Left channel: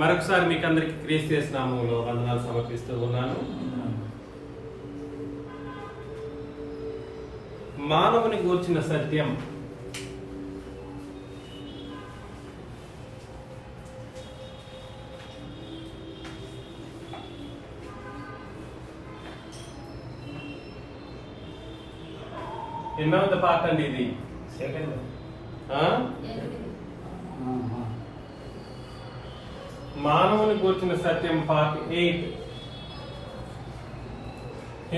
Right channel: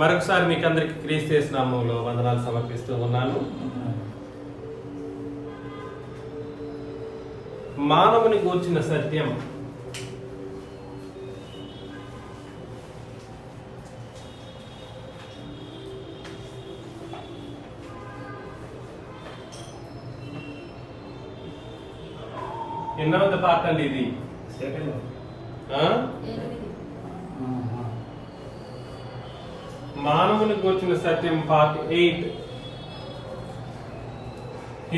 మరొకసారి మీకు అందరికి క్రీస్తు నామములో వందనాలు సమర్పిస్తూ ఉన్నాను. మానవుని గూర్చిన సత్యం ఎన్నవది పార్ట్ అండి ఇది? మానవుని గూర్చిన సత్యం పార్ట్ 8.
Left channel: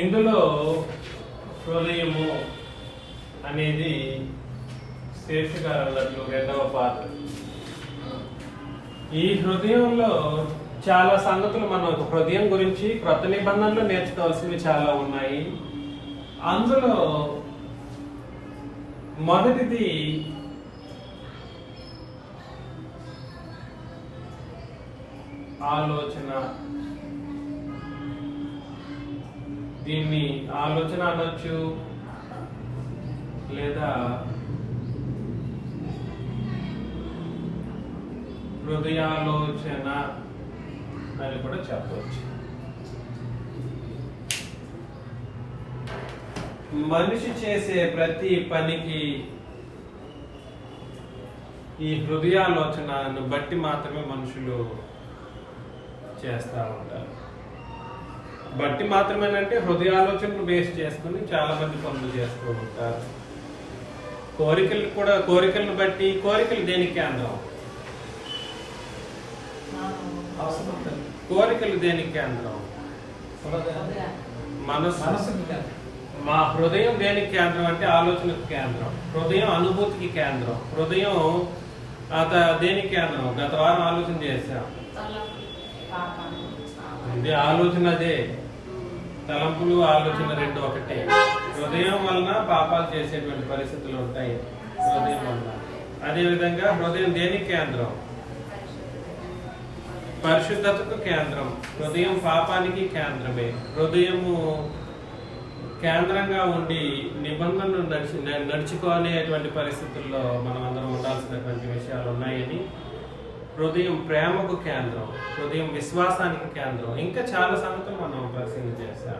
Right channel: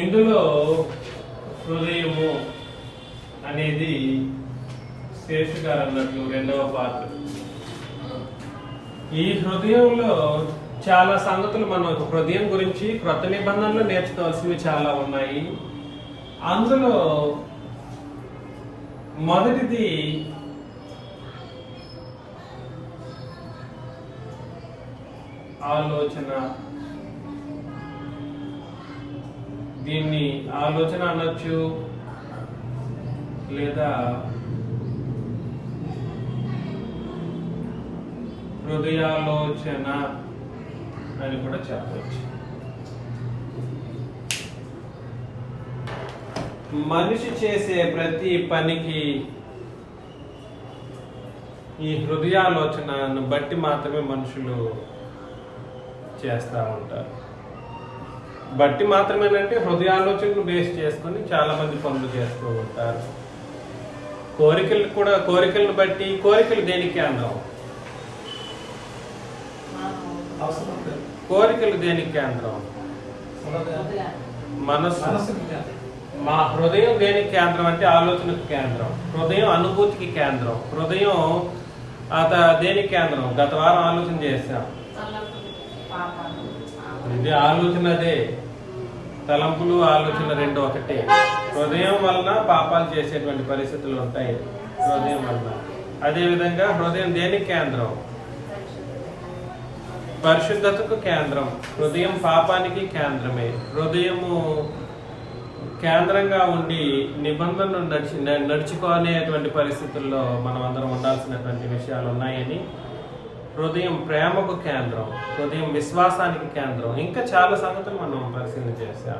ఇందులో హృదయము అనేది శేషు గారు అన్నట్లు 2వ పార్ట్. ఈ హృదయంలో చాలా సంగతులు మనం హృదయం గురించి క్రొత్త నిబంధనలు నేర్చుకోవాల్సినవి చాలా ఉన్నాయి. అందులో మొదటిది ఆలోచన. దీన్ని ఆలోచన అనొచ్చు లేదా హృదయాలోచన అని కూడా చెప్పవచ్చు. మనిషి చేసే ప్రతి పనికి ఈ హృదయాలోచనను బట్టి మాత్రమే మనుషులు చేస్తూ ఉంటారు. బట్టి మాత్రమేనంటే హృదయాలోచనను బేస్ చేసుకుని చాలా మంది పనులు చేస్తూ ఉంటారు. కోరికలను బట్టి, కోరికలు దేనికి కేంద్రం? కోరికలు దేనికి కేంద్రం? మనసు. మా హృదయం దేనికి కేంద్రం అంటే ఆలోచనకు కేంద్రం. హృదయం అనుభూతికి కేంద్రం. హృదయం దేనికి కేంద్రం? గత వారం ఆలోచన చేశాం. ఆలోచన అదే. తలంపులు ఆలోచన రెండు ఒకటే. హృదయం వలన పాపాలు చేసేటువంటి పరిస్థితులు ఉంటాయి హృదయం వలన. అదేవిధంగా హృదయం దేనికి కేంద్రం? పరిశుద్ధతకు కేంద్రం. హృదయం పాపానికి కేంద్రమే. హృదయము కేంద్రంగా ఉండి నిబంధనలు నడుచుకోనేటువంటి పరిస్థితుల్లో మనం అందరం ఉండాల్సినటువంటి విషయాలు ఉన్నాయని. హృదయం ప్రేమకు కేంద్రం. హృదయం విశ్వాసానికి కేంద్రం. ఇంకా చాలా సంగతులు మనం పరిశీలన చేస్తాం.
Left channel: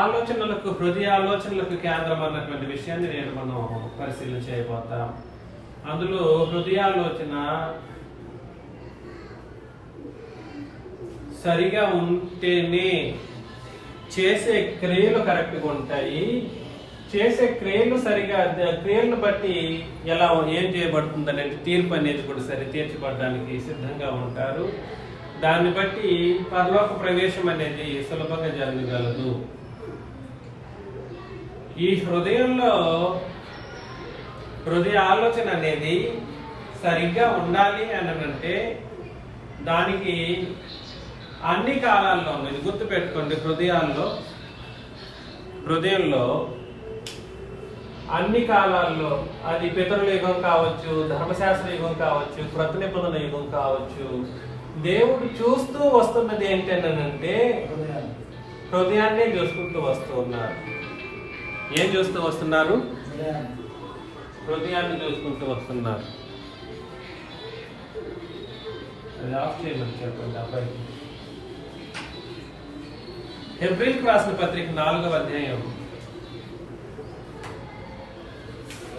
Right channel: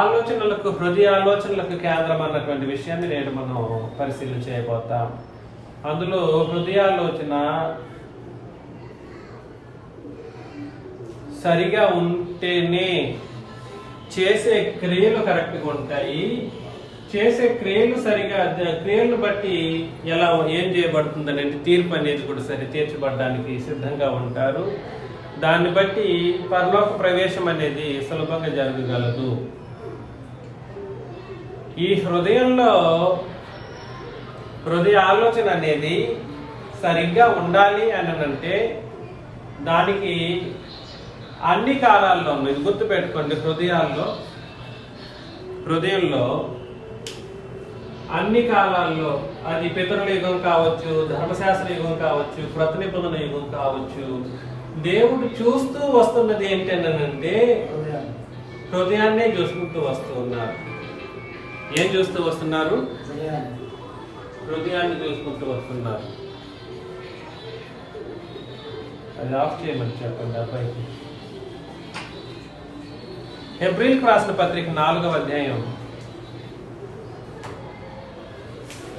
ఆలోచనలకు, హృదయ ఆలోచనలకు కేంద్రం అన్నటువంటి విషయాన్ని నేను మనం పరిశీలన చేయబోతాం. అందులో హృదయాలోచన సరిగా ఉంటేనే చేసే క్రియలు కరెక్ట్గా ఉంటాయి. చేసే క్రియలు సరిగా, క్రియలను బట్టి ఏం చేయబడుతుంది అనేది తీర్పు అనేది కూడా తీర్చబడడానికి సిద్ధంగా ఉంటారు. దాన్ని బట్టి పరలోక ప్రవేశం అనేది సులభంగా జరగగలదు. ఈ హృదయంలో హృదయ ఆలోచన అనేది సరిగ్గా ఉండాలి అని అంటే దానికి అన్ని కాలాల్లో, మీరు గుర్తుపెట్టుకోండి, హృదయంలో అన్ని కాలాల్లో, అది పితరుల యుగం కావచ్చు, ధర్మశాస్త్ర యుగం కావచ్చు, క్రొత్త నిబంధన యుగం కావచ్చు, దేవుడు చూస్తూ వస్తున్నది ఏంటంటే హృదయాన్నే చూసుకుంటూ వస్తూ ఉన్నారు. ఏం చూస్తూ వస్తున్నారు? హృదయాన్ని చూసుకుంటూ వస్తున్నారు. అది ఆఫ్ చేయమని చెప్పండి అబ్బాయికి. హెబ్రీయులకు రాసిన పత్రిక 4వ అధ్యాయం.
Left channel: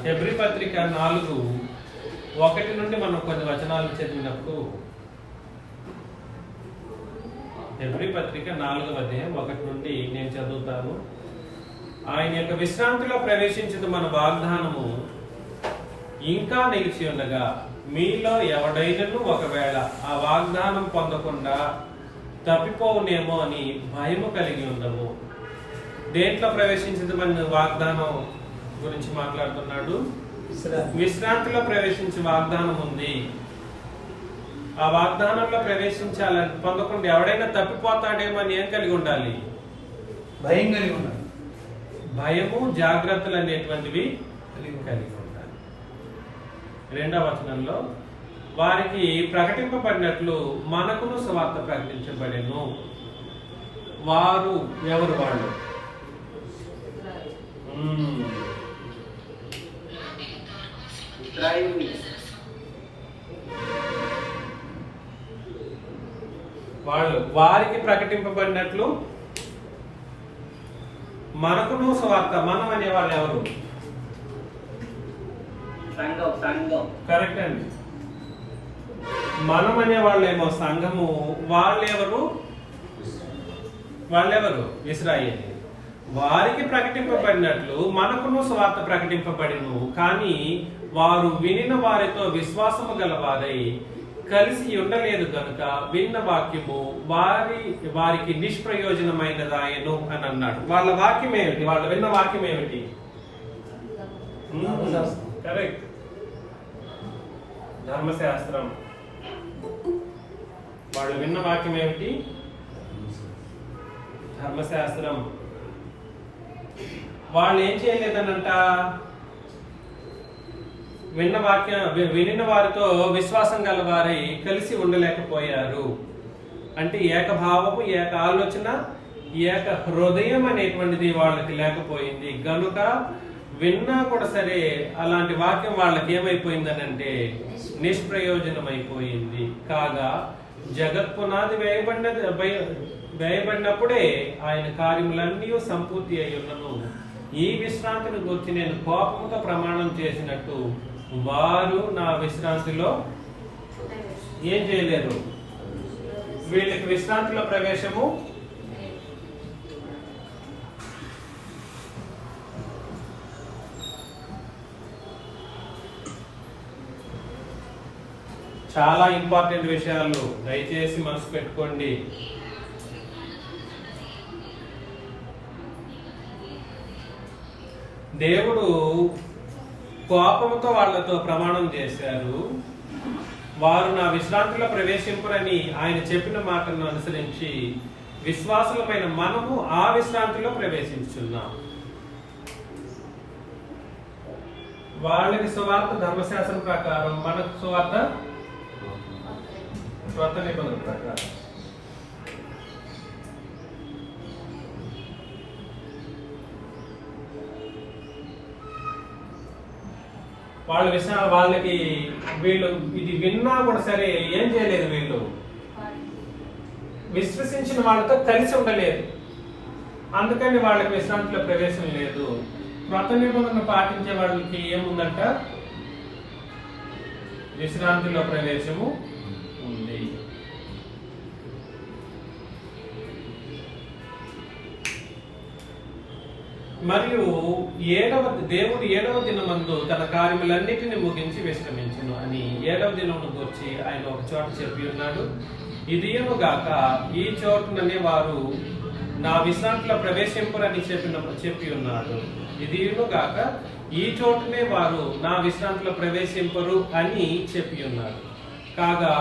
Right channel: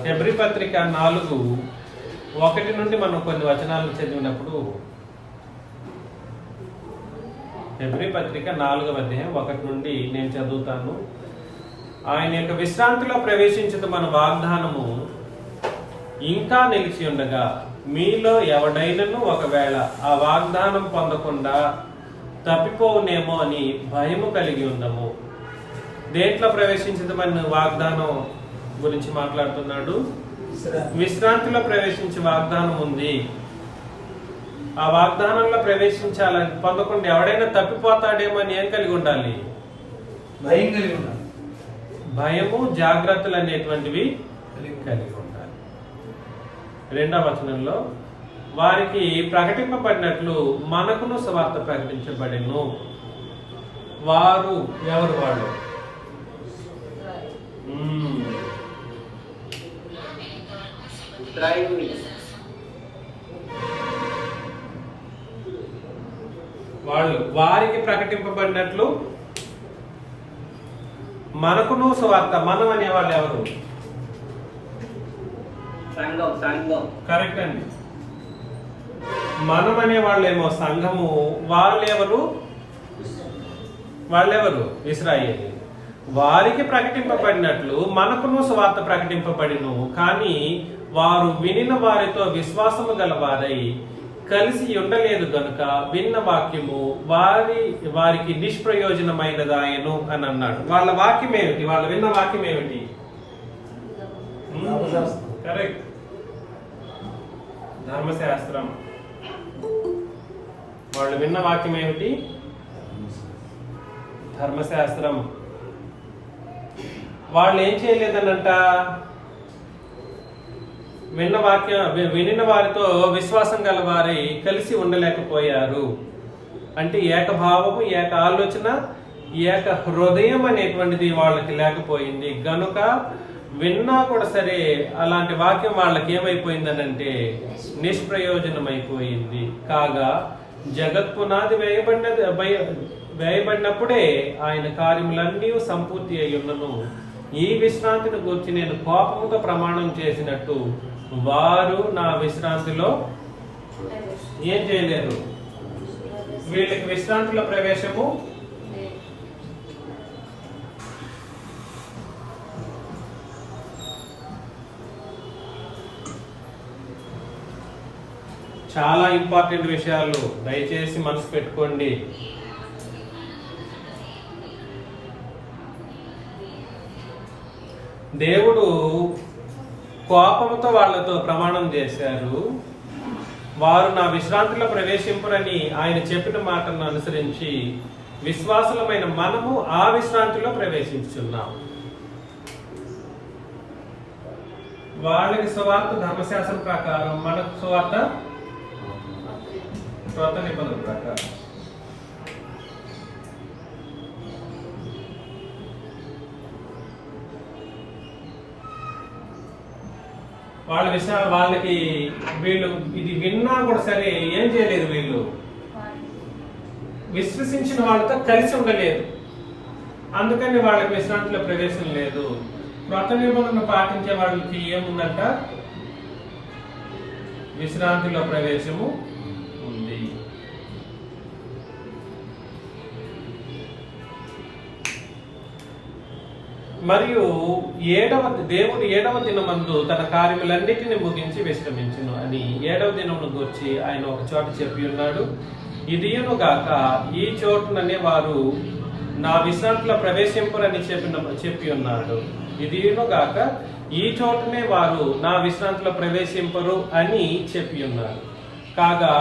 హెబ్రీ పత్రిక 4:1 నుండి మనం కొన్ని వచనాలను చదివినప్పుడు, హెబ్రీ పత్రిక 4వ అధ్యాయం 1 నుండి నేను చదువుతాను. ఆయన యొక్క విశ్రాంతిలో ప్రవేశించిన మన వాగ్దానము ఇంకా నిలిచి ఉండగా మీలో ఎవడైనను ఒకవేళ ఆ వాగ్దానం పొందకుండా తప్పిపోవునేమో అని భయము కలిగి ఉండము. దేంట్లో ప్రవేశించింది మన వాగ్దానం గురించి మాట్లాడుతున్నాడు. విశ్రాంతిలో ప్రవేశించే వాగ్దానం ఉంది. ఆ వాగ్దానంలో ప్రవేశించాలని పొందకుండా ఎవడైనా తప్పిపోతాడేమో అని ఏం కలిగి ఉండాలి? భయం కలిగి ఉండాలి. భయము, జాగ్రత్తలు అనేటువంటివి కలిగి ఉండాలి. 2వ వచనంలో వారికి ప్రకటింపబడినట్లు మనకును సువార్త ప్రకటించబడెను. వారు ఎవరు? వాళ్ళు వాళ్ళు వారికి ప్రకటింపబడినట్లు మనకును సువార్త. మనం అనేవాళ్ళు ఎవరు? కరెక్ట్ అండి. మనం అనేవాళ్ళేమో సంఘము, వాళ్ళెవరు? ఇశ్రాయేలు. వారికి ప్రకటింపబడినట్లు మనకును సువార్త ప్రకటింపబడిను, కానీ వారు వినిన వారితో విశ్వాసము గలవారై కలిసి ఉండలేదు గనుక విన్న వాక్యము వారికి నిష్ప్రయోజనమైనదాయను అని అన్నాడు. వాళ్ళ వాక్యం ఏమిటి? వాళ్ళు విన్న వాక్యం ఏమిటి? కరెక్ట్, ధర్మశాస్త్రం. వాళ్ళు విన్న వాక్యం ఏమిటి? ధర్మశాస్త్రం. వాళ్ళు ఏం చేయలేదనంట? వినిన వారితో విశ్వాసం గల వారి కలిసి ఉండలేకపోయారు. అంటే ఏకభావము, ఏక ఆలోచన, ఏక హృదయం అనేటువంటిది వాళ్ళకి లేకపోయింది గనుక విన్నా కూడా సరే అలాంటి వాక్యం వాళ్ళకి ఏమైపోయిందనంటే నిష్ప్రయోజనమైపోయింది. కాగా జగత్పునాది వేయబడినప్పుడే ఆయన కార్యములన్నీ సంపూర్తి అయి ఉన్నను. ఈ విశ్రాంతిని గురించి నేను కోపముతో ప్రమాణం చేసినట్టు వారు నా విశ్రాంతిలో ఏం చేయలేరు. వీళ్ళకి విశ్రాంతిలో ప్రవేశము చాలా ఇంపార్టెంట్ విషయాలు, దయచేసి మనసు పెట్టుకోండి. దేవుడు కోపంతో వాళ్ళతో ప్రమాణం చేశారు. వారు నా విశ్రాంతిలో ప్రవేశింపరని ఆయన చెప్పిన మాటలను అనుసరించి విశ్వాసులమైన మనము ఆ విశ్రాంతిలో ప్రవేశించున్నాం. వాళ్ళకి సువార్త ధర్మశాస్త్రం ప్రకారం, మనకు సువార్త క్రొత్త నిబంధన ప్రకారం. వాళ్ళకి వీళ్ళు ఇది విన్నా కూడా సరే ఏం చేయలేదు. వీళ్ళు విశ్వసించిన వాళ్ళతో కలిసి ఉండలేదు, అందుకని వాళ్ళకి విశ్రాంతిలో ప్రవేశం లేదు. క్రొత్త నిబంధన పాటించే వాళ్ళకి ఏముందంట? విశ్రాంతిలో ప్రవేశము ఉంది. మరియు దేవుడు 7వ దినమందు తన కార్యములన్నిటిని ముగించి విశ్రమించును అని 7వ దినమును గూర్చి ఆయన ఒక చోట చెప్పి ఉన్నాడు. ఇదియును గాక ఈ చోటుననే వారు నా విశ్రాంతిలో ప్రవేశింపరని చెప్పి ఉన్నాడు. ఇదియును గాక ఈ చోటునే వారు నా విశ్రాంతిలో ప్రవేశింపరు అని చెప్పి ఉన్నారు. కాగా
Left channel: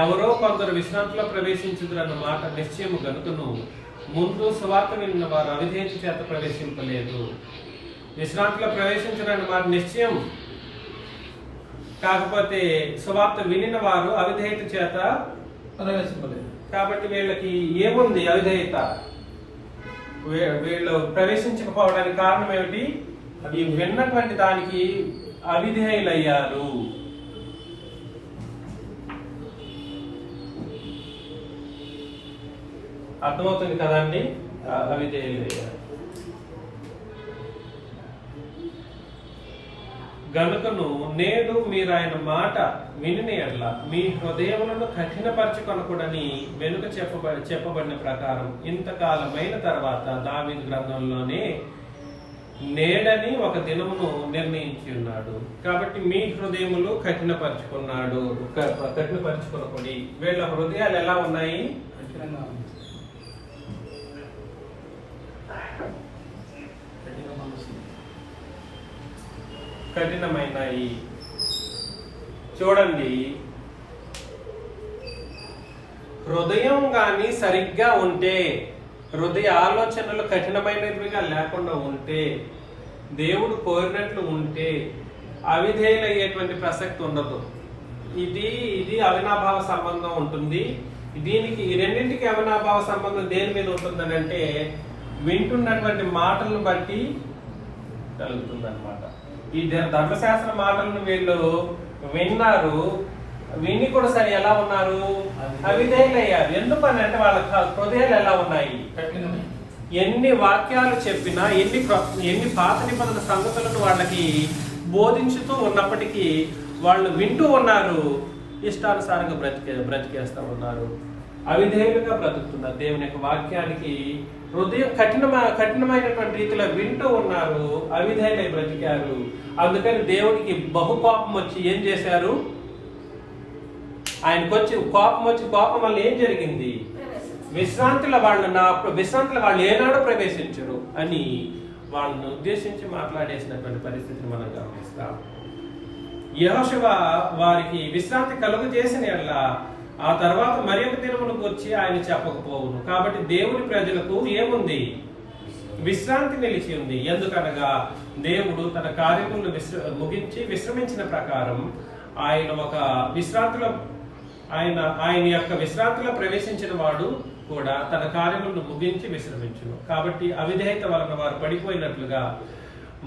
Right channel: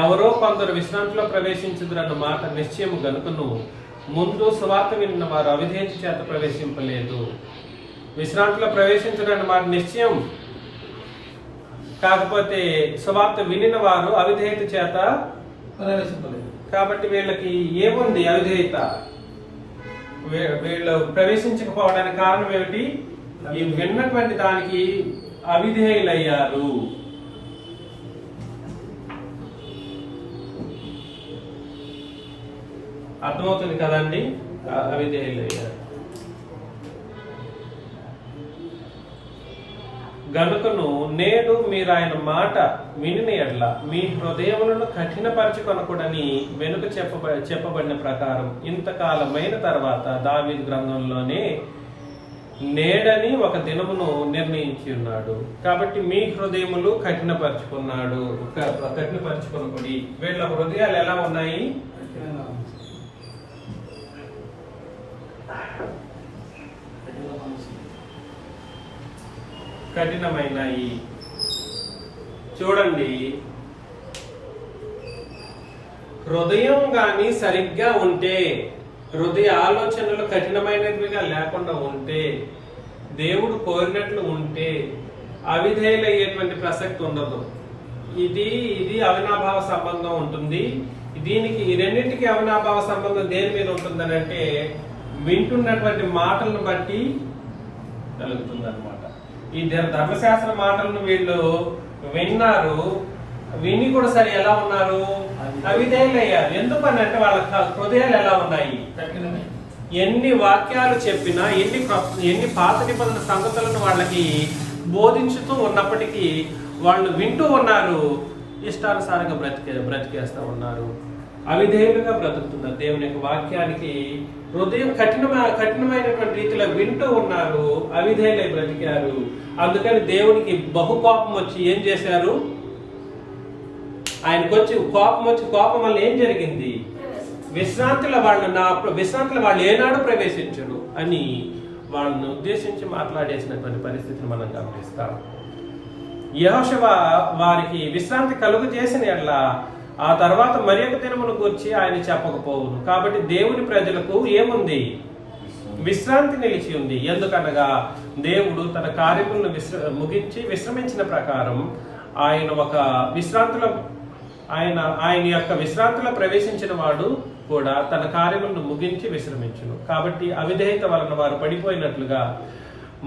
ఎవరో కొందరు విశ్రాంతిలో ప్రవేశించుదురన్న మాట నిశ్చయం గనుకను ముందు సువార్త విన్న వారు అవిధేయత చేత ప్రవేశింపలేదు. విశ్రాంతిలో ప్రవేశించడన్న మాట నిశ్చయం, కాకపోతే సువార్త వినిన వారు అవిధేయత చేత ప్రవేశింపలేదు. కాబట్టి వీళ్ళకి ఏముంది? అవిధేయత. వీళ్ళు ప్రవేశించకపోవడానికి కారణం ఏమిటి? ఈ విన్నటువంటి దానికి అవిధేయులయ్యారు. అర్థమవుతుంది కదండి? అవిధేయులయ్యారు గనుకను నేడు మీరు ఆయన మాట వినిన ఎడల మీ హృదయములను కఠినపరచుకొనకూడని వెనుక చెప్పబడిన ప్రకారం ఇంతకాలమైన తర్వాత దావీదు గ్రంథంలోనే నేడని ఒక దినమును నిర్ణయించి ఉన్నాడు. కాబట్టి మీ హృదయములు కఠినపరచుకొనకూడి. వీళ్ళ హృదయాలు ఎలా ఉన్నాయి? కఠినమైనవి. చూడండి, హృదయం గాని సరిగ్గా ఉంటే, హృదయ ఆలోచనలు కఠినమైనవిగా లేకుండా ఉంటే, దేవుడు కోరినట్లు ఉంటే అవిధేయులయ్యేటువంటి ప్రసక్తి ఉండదు. ఇది అవినాభావ సంబంధం ఉంటుంది. దీనికి ఈ రెండింటికి అవినాభావ సంబంధం దేని మీద ఉంటుందని అంటే వింటున్నటువంటి మాటలను బట్టి కలుగుతుంది అనమాట. ఈ ధర్మశాస్త్ర మాటలను వీళ్ళు విన్నారు, విని కూడా సరే ఎలా ఉన్నారు? అవిధేయులయ్యారు. ఎందుకని అంటే వాళ్ళ హృదయాలు ఎలా ఉన్నాయి? ఎన్ని వాక్యాలు చెప్పినా, ఎన్ని పాత నిబంధన సంగతులను వాళ్ళకి బోధించుతూ ఉన్నప్పటికీ వాళ్ళు వింటూ ఉన్నారు, ఇష్టానుసారంగా బ్రతికేస్తూ ఉన్నారు, అవిధేయులుగా బ్రతుకుతున్నారు. దేవుని యొక్క వాక్యానికి హృదయం కఠినమైనటువంటి రీతిలో వింటూ ఉన్నారు, అవిధేయులై బ్రతికారు. అందుకని దేవునికి బహు కోపం వచ్చి ఏం చేశారు? ఆయనకు వచ్చి కోపం వల్ల ఏం జరిగింది? విశ్రాంతిలో వాళ్ళు ఏనాడు ప్రవేశించరు అని వాళ్ళని ఉద్దేశించి మాట్లాడేసినటువంటి పరిస్థితిని మనం గమనిస్తాం. యెహోషువ వారికి విశ్రాంతి కలుగు చేసిన ఎడల ఆ తర్వాత మరి ఒక దినమును గురించి ఆయన చెప్పకపోవును. కాబట్టి దేవుని ప్రజలకు ఏముంది? విశ్రాంతి నిలిచి ఉంది. ఎందుకనగా దేవుడు తన కార్యములను ముగించి విశ్రమించిన ప్రకారం ఆయన ఒక విశ్రాంతిలో ఆయన యొక్క విశ్రాంతిలో ప్రవేశించిన వాడు కూడా తన కార్యములను ముగించి విశ్రమించును. కాబట్టి అవిధేయత వలన వారు పడిపోయినట్లుగా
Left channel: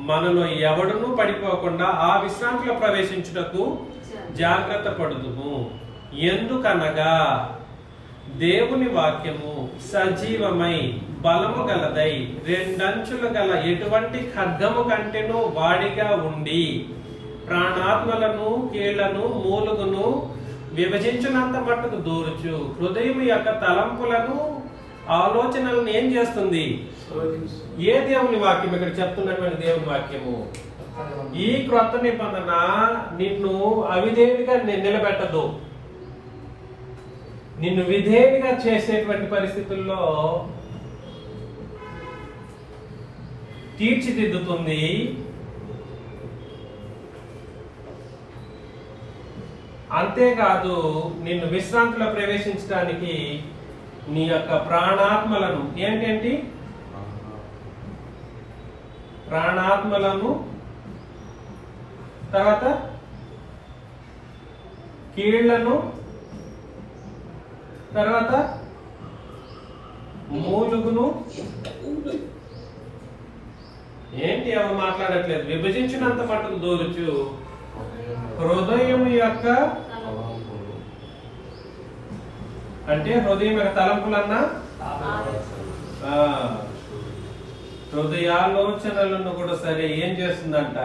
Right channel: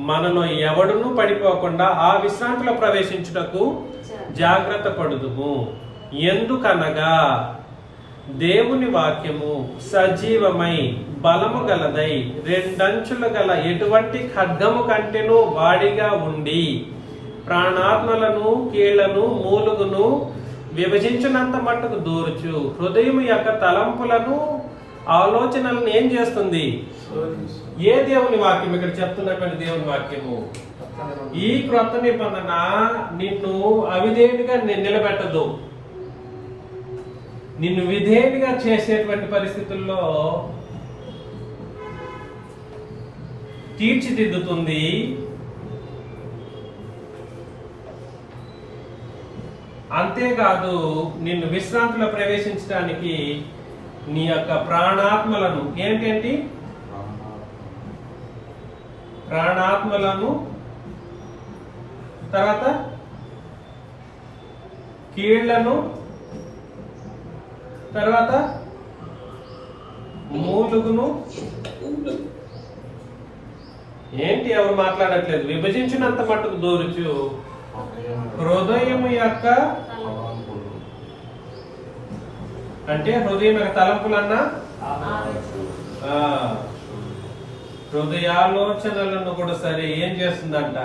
మనలో ఎవడునూ పడిపోకుండా ఆ విశ్రాంతిలో ప్రవేశించుటకు జాగ్రత్త పడుదుము. ఎందుకనగా దేవుని వాక్యము సజీవమై బలము గలదై రెండంచులు గల ఎటువంటి ఖడ్గము కంటేనూ వాడిగా ఉండి ప్రాణాత్మలను, కీళ్లను, మూలుగును విభజించినంత మట్టుకు దూర్చు హృదయం యొక్క తలంపులను, ఆలోచనలను ఏం చేస్తుంది? ఏ దేవుని వాక్యం ఇక్కడ చెప్తున్నటువంటి దేవుని వాక్యము? ఈ క్రొత్త నిబంధన నిన్ను అవిధేయుడిగా నిలబెట్టదు, నిన్ను విధేయుడిగా చేసేటువంటి పరిస్థితుల్లో తీర్చిదిద్దుతుంది. అంతేకాదు నిన్ను విశ్రాంతిలో ప్రవేశించడానికి నీ యొక్క ప్రాణాత్మలను ఏంటి ప్రాణాత్మలను, తర్వాత కీళ్లను, తర్వాత మూలుగును ఏంటి ఎవరు మాట్లాడట్లేదు. విభజించినంత మట్టుకు దూరుచు హృదయం యొక్క అంటే హృదయం యొక్క తలంపులన్నా హృదయాలోచనలను కూడా సరే ఏం చేస్తుందంట?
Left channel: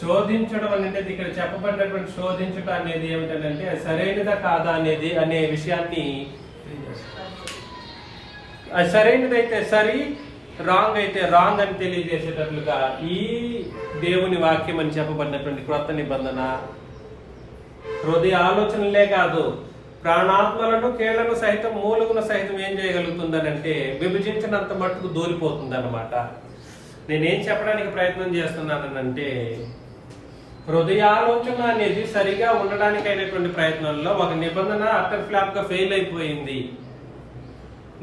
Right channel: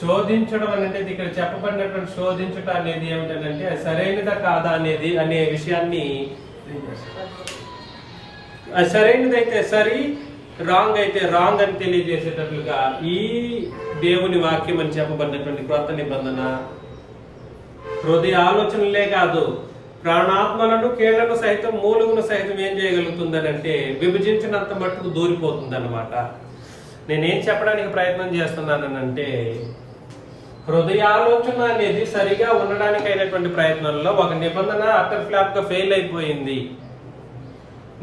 శోధించడం అంటే ఇక్కడ చెప్పబడినటువంటి శోధించడం అనేది ఏమిటంటే అది సరైనదా కాదా అనేది అనే విషయాన్ని, అది సరైనదైతే సరి, రాంగ్ అయితే రాంగ్ అని తెలియజేసేటట్లుగా ఈ దేవుని వాక్యం అని చెప్పబడినటువంటి క్రొత్త నిబంధన హృదయ ఆలోచనలే కాదు ప్రాణాత్మలను, కీళ్లను సైతం, మూలుగును సైతం ఏం చేయగలుగుతుందని అంటే విభజించినంత మట్టుకు దూరిపోతుంది అన్నమాట. నేనేం చెప్పడానికి ప్రయత్నం చేస్తున్నానంటే హృదయాలోచన అనేది సరిగా ఉండడానికి అయినటువంటి ప్రయత్నంలో ఒక నిబంధన అటర్ ఫ్లాప్ గా ఫెయిల్ అయిపోయింది.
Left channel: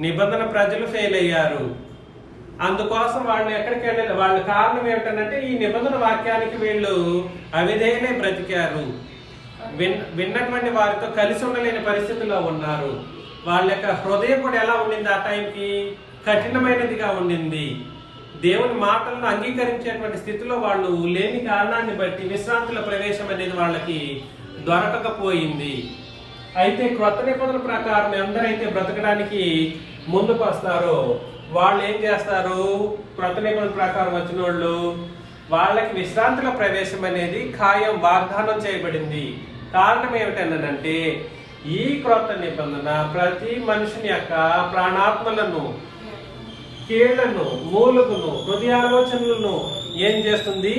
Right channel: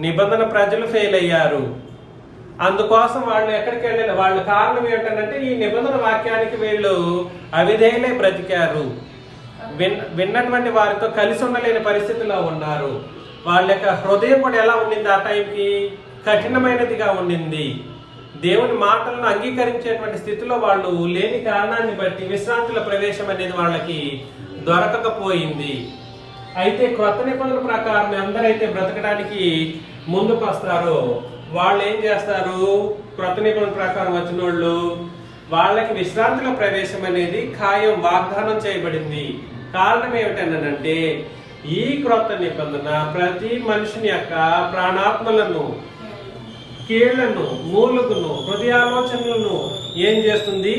నిబంధన ప్రజలు ఫెయిల్ అయ్యారు. అందుకోసం వాళ్ళు ఎక్కడికి వెళ్ళాలి? వాళ్ళ కారణం ఏంటంటే ఈ నిబంధన వాక్యానికి వీళ్ళు అవిధేయులై బ్రతికారు. విన్నటువంటి వారితో కలిసి ఉండలేని పరిస్థితిలో ఉన్నారు. వాళ్ళ యొక్క హృదయం కూడా ఎలా ఉండింది? ఆ టైంకి కఠినమైనదిగా ఉండింది. దేవుని మాటలను అంగీకరించేటువంటి స్థితిలో వాళ్ళు లేని కారణాన్ని బట్టి విశ్రాంతుల ప్రవేశం అనేది వాళ్ళకి దొరకకపోయింది. అయితే క్రొత్త నిబంధనల ప్రకారం ఎందరైతే బ్రతకడానికి ముందుకు వస్తారో వాళ్ళు ఏం చేస్తారు? క్రొత్త నిబంధన ప్రకారం వచ్చిన వాళ్ళకి విశ్రాంతిలో ప్రవేశం అనేది ఖాయం, వాగ్దానం చేయబడింది. కారణం ఏమిటంటే ఈ క్రొత్త నిబంధన ప్రతి మనిషిని యొక్క ప్రాణాత్మలను, కీళ్లను, మూలుగును, హృదయాలోచనలను ఏం చేస్తుంది?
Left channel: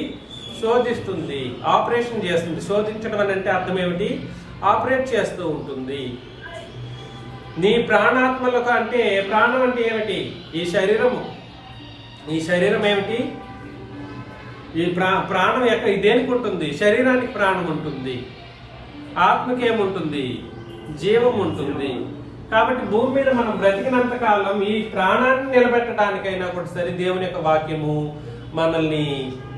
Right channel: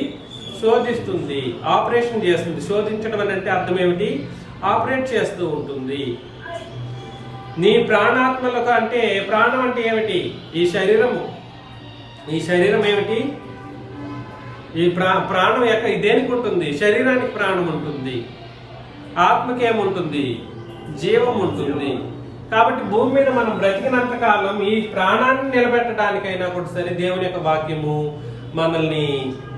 శోధిస్తుంది, ఆపరేషన్ చేస్తుంది. శోధించడం అంటే అర్థం ఏమిటి? ఆపరేట్ చేస్తూ ఉంటుంది. నీ ప్రాణాత్మలకు అంటే ప్రాణం అంటే ఏమిటి? ఈ శరీరం ఏమిటి? ఈ ప్రాణం యొక్క దేనికి ఉంటుంది? శరీరానికి ప్రాణం ఉంటుంది, ఆత్మకి ఏముంటుంది? జీవం ఉంటుంది. కాబట్టి భూమి మీద మనం బ్రతికినంత కాలం ఈ ప్రాణాన్ని నిలబెట్టడానికైనా కూడా సరే దేవుని యొక్క వాక్యము మనల్ని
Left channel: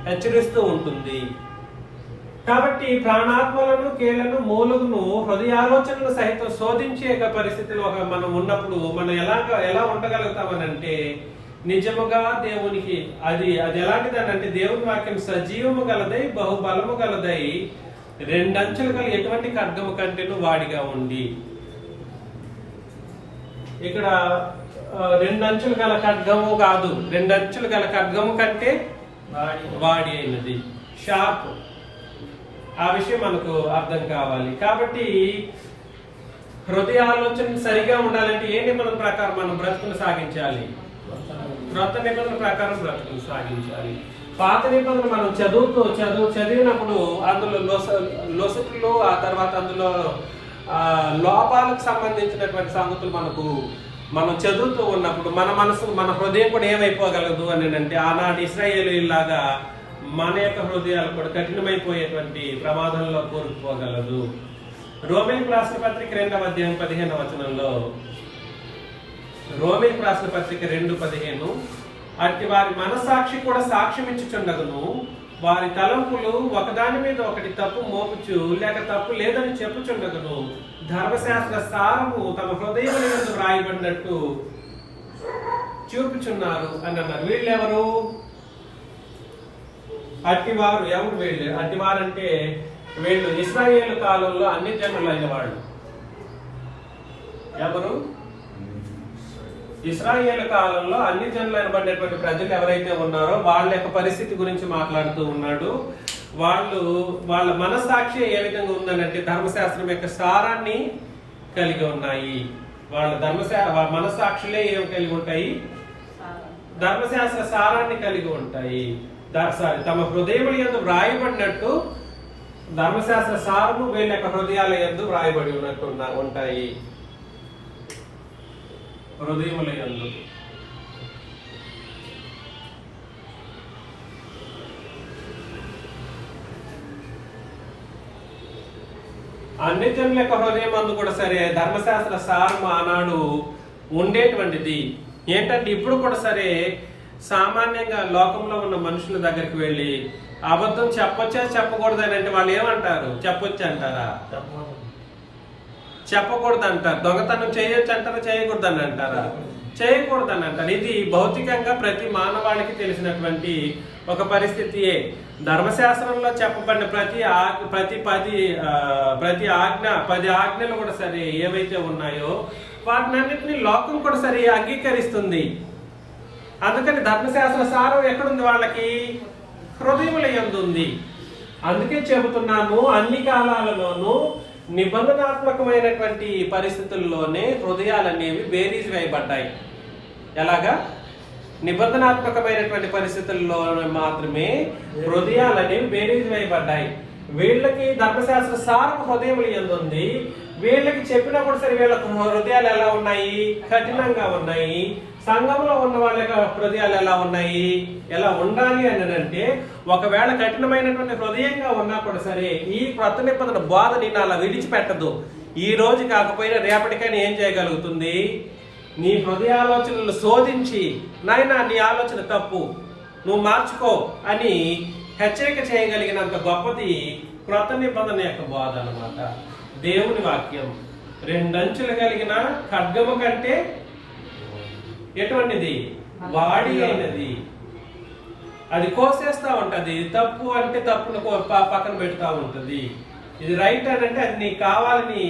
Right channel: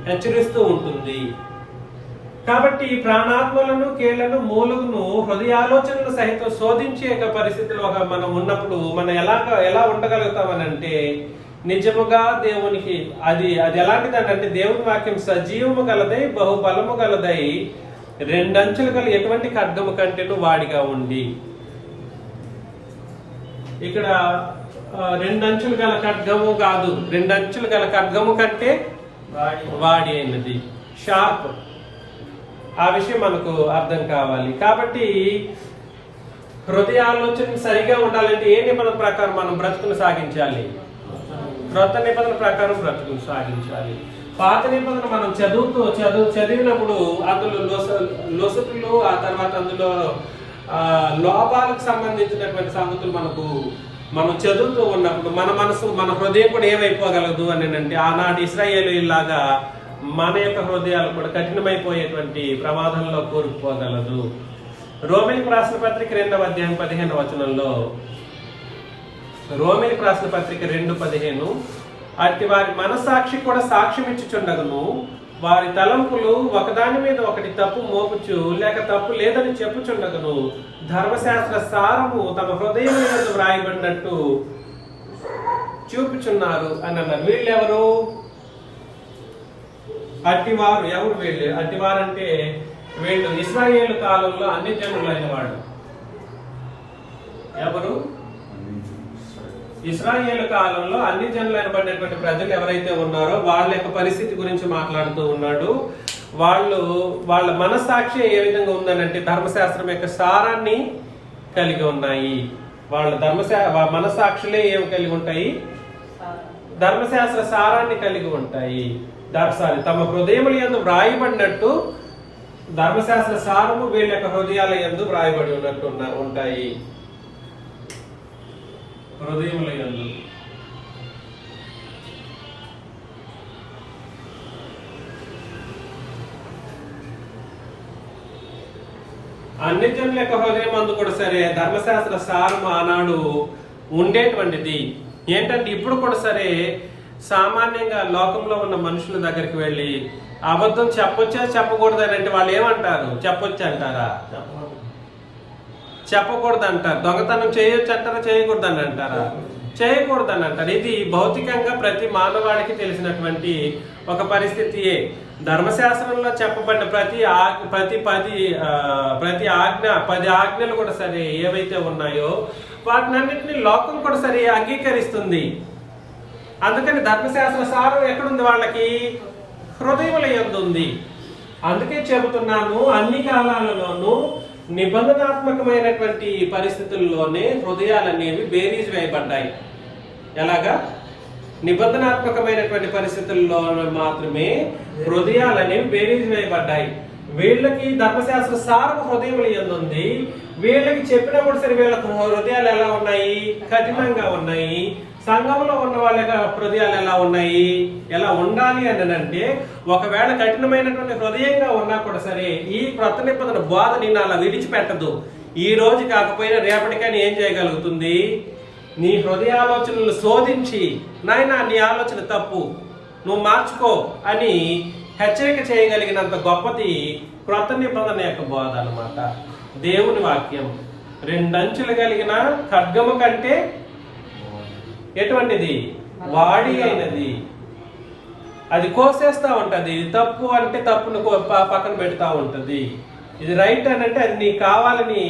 హెచ్చరిస్తూ ఉంటుంది. కాబట్టి ప్రాణాత్మలను, కీళ్లను, మూలుగును, హృదయాలోచనలు సహితం శోధించే పరిస్థితిలో మనం ఉన్నప్పుడు మనం ఎలా ఉండగలుగుతామనంటే నిజముగా దేవునికి అది అది ఎలాంటిదంటే దేవుని వాక్యం సజీవము గలదై బహుబలము గలదై రెండంచులు గల ఎటువంటి ఖడ్గము కంటేను వాడిగా ఉంది. ఇక్కడ రెండంచులు గల ఖడ్గము కాదు, రెండంచులు గల ఖడ్గము కంటే వాడి అయినది, షార్ప్. ఆ విషయం మనకు అర్థం కావాలి. కాబట్టి హృదయ ఆలోచన సరిగా ఉండాలంటే ఏ నిబంధన ప్రకారం మనం బ్రతుకును సాగించాలి? క్రొత్త నిబంధన ప్రకారం బ్రతుకును సాగించాలి. పాత నిబంధన మనం చదివినప్పుడు అందులో లొసుకులు, ఆ తర్వాత అందులో లోపాలకు సంబంధించినటువంటి సంగతులు మనం చదువుతూ ఉన్నప్పుడు మన మనసు, మన హృదయం కూడా ఏమైపోగలదు అని అంటే ఆనాటి ఇశ్రాయేలీయులాగా మన యొక్క హృదయాలు కూడా కఠినమైపోయేటువంటి ప్రమాదంలో కోరుకుపోగలదు. రోమీయులకు రాసిన పత్రిక 2వ అధ్యాయం 15వ వచనంలో, రోమీయులకు రాసిన పత్రిక 2:15, అట్టి వారి మనసాక్షి కూడా సాక్ష్యం ఇచ్చుచుండగను, వారి తలంపులు ఒకదాని మీద ఒకటి తప్పు మోపుచు లేక తప్పు లేదని చెప్పుచుండగను, ధర్మశాస్త్ర సారము తమ హృదయం మీద వ్రాయబడినట్టు చూపుచున్నారు అని అన్నారు. వీళ్ళెవరు? అట్టివారు. ఎవరు వీళ్ళు? అట్టివారంటే వీళ్ళు ఇశ్రాయేలు కాలంలో అన్ని జనులైన వాళ్ళు. ఎవరు? ఇశ్రాయేలు కాలంలో అన్ని జనులైన పడినటువంటి ప్రజలు ఎవరైతే ఉన్నారో వాళ్ళ యొక్క పరిస్థితి గురించి మాట్లాడుతూ ఉన్నాడు. వాళ్ళ మనస్సాక్షి ఏ విధంగా ఉందనంటే ధర్మశాస్త్రం యొక్క సారాన్ని కలిగి ఉన్నాయి. వాళ్ళ మనస్సాక్షులే ఏమి కలిగి ఉంటాయి? ధర్మశాస్త్ర సారాన్ని కలిగి ఉంటాయి. తమ హృదయముల యందు వ్రాయబడినట్టు ధర్మశాస్త్ర సారము వీళ్ళ యొక్క హృదయాల యందు వ్రాయబడి ఉన్నట్టు ఉంటాయి. హృదయముల యందు అన్ని జనుల యొక్క హృదయం అందు కూడా సరే ధర్మశాస్త్ర సారం ఆనాడు ఉండేటువంటిది. ఏంటంటే ఇప్పుడు కూడా సరే సామాన్యంగా లోకంలో ఉన్న మనుషుల దగ్గరికి వెళ్ళి అబద్ధం చెప్పొచ్చా చెప్పకూడదని అంటే వాళ్ళు ఏమంటారు? చెప్పొచ్చు అంటారా? చెప్పకూడదు అంటారు. దొంగతనం చేయొచ్చు అంటారా? చేయకూడదని అంటారా? చేయకూడదని అంటారు. ఇది భౌతికంగా ప్రతి మానవాళికి తెలిసినటువంటి ఒక పరిస్థితియే. ధర్మశాస్త్రంలో చెప్పబడిన ప్రతి 10 ఆజ్ఞలు కూడా సరే ఏవైతే ఉన్నాయో వాటినన్నింటినీ లోకం కూడా సరే అంగీకరిస్తుంది. అందుకని ధర్మశాస్త్ర సారం ఎక్కడుంది? వాళ్ళకి హృదయముల యందు ఉంది. అందుకే చెబుతున్నాను, అన్ని కాలాలలోనూ నిబంధనాత్మకమైనటువంటి పరిస్థితుల్లోనే హృదయాలు అనేవి బేరీజ్ వేయబడ్డాయి. ఎలాగా? నిబంధనాత్మకమైనటువంటి పరిస్థితుల్లో మాత్రమే హృదయాలు అనేవి బేరీజ్ వేయబడ్డాయి. వీళ్ళకి ధర్మశాస్త్ర సారం హృదయముల యందు ఉంది. వీళ్ళకి చెప్పినప్పుడు సరే వీళ్ళ హృదయాలు ఎలా ఉన్నాయి? కఠినంగా ఉన్నాయి. సంఘంలో ఉన్న వాళ్ళ హృదయాలు ఎలా ఉన్నాయి? ఎలా ఉండాలి అని అంటే ఒకవేళ కఠినమైనటువంటి హృదయంగా ఉన్నా కూడా సరే ఈ క్రొత్త నిబంధన బోధ నిన్ను అలా విడిచిపెట్టదు. ఈ రోజు కాకపోయినా రేపటికైనా ఏం చేయగలుగుతుంది? నీ హృదయాలోచనలు శోధించి నాయనా నీ ఆలోచన తప్పు, నువ్వు మార్చుకో అని హెచ్చరిక చేయగలిగినంత గొప్పది క్రొత్త నిబంధన యొక్క బోధ అన్నమాట. దేవుని వాక్యం రెండంచులు కలిగిన ఖడ్గము కంటే ఎటువంటిది? వాడి అయినది. అది కోసేస్తా ఉంటది. తప్పు అంటే తప్పును పక్కన పెడతా ఉంటది. ఇది రైట్ అని అంటే అది నీకు కావాలని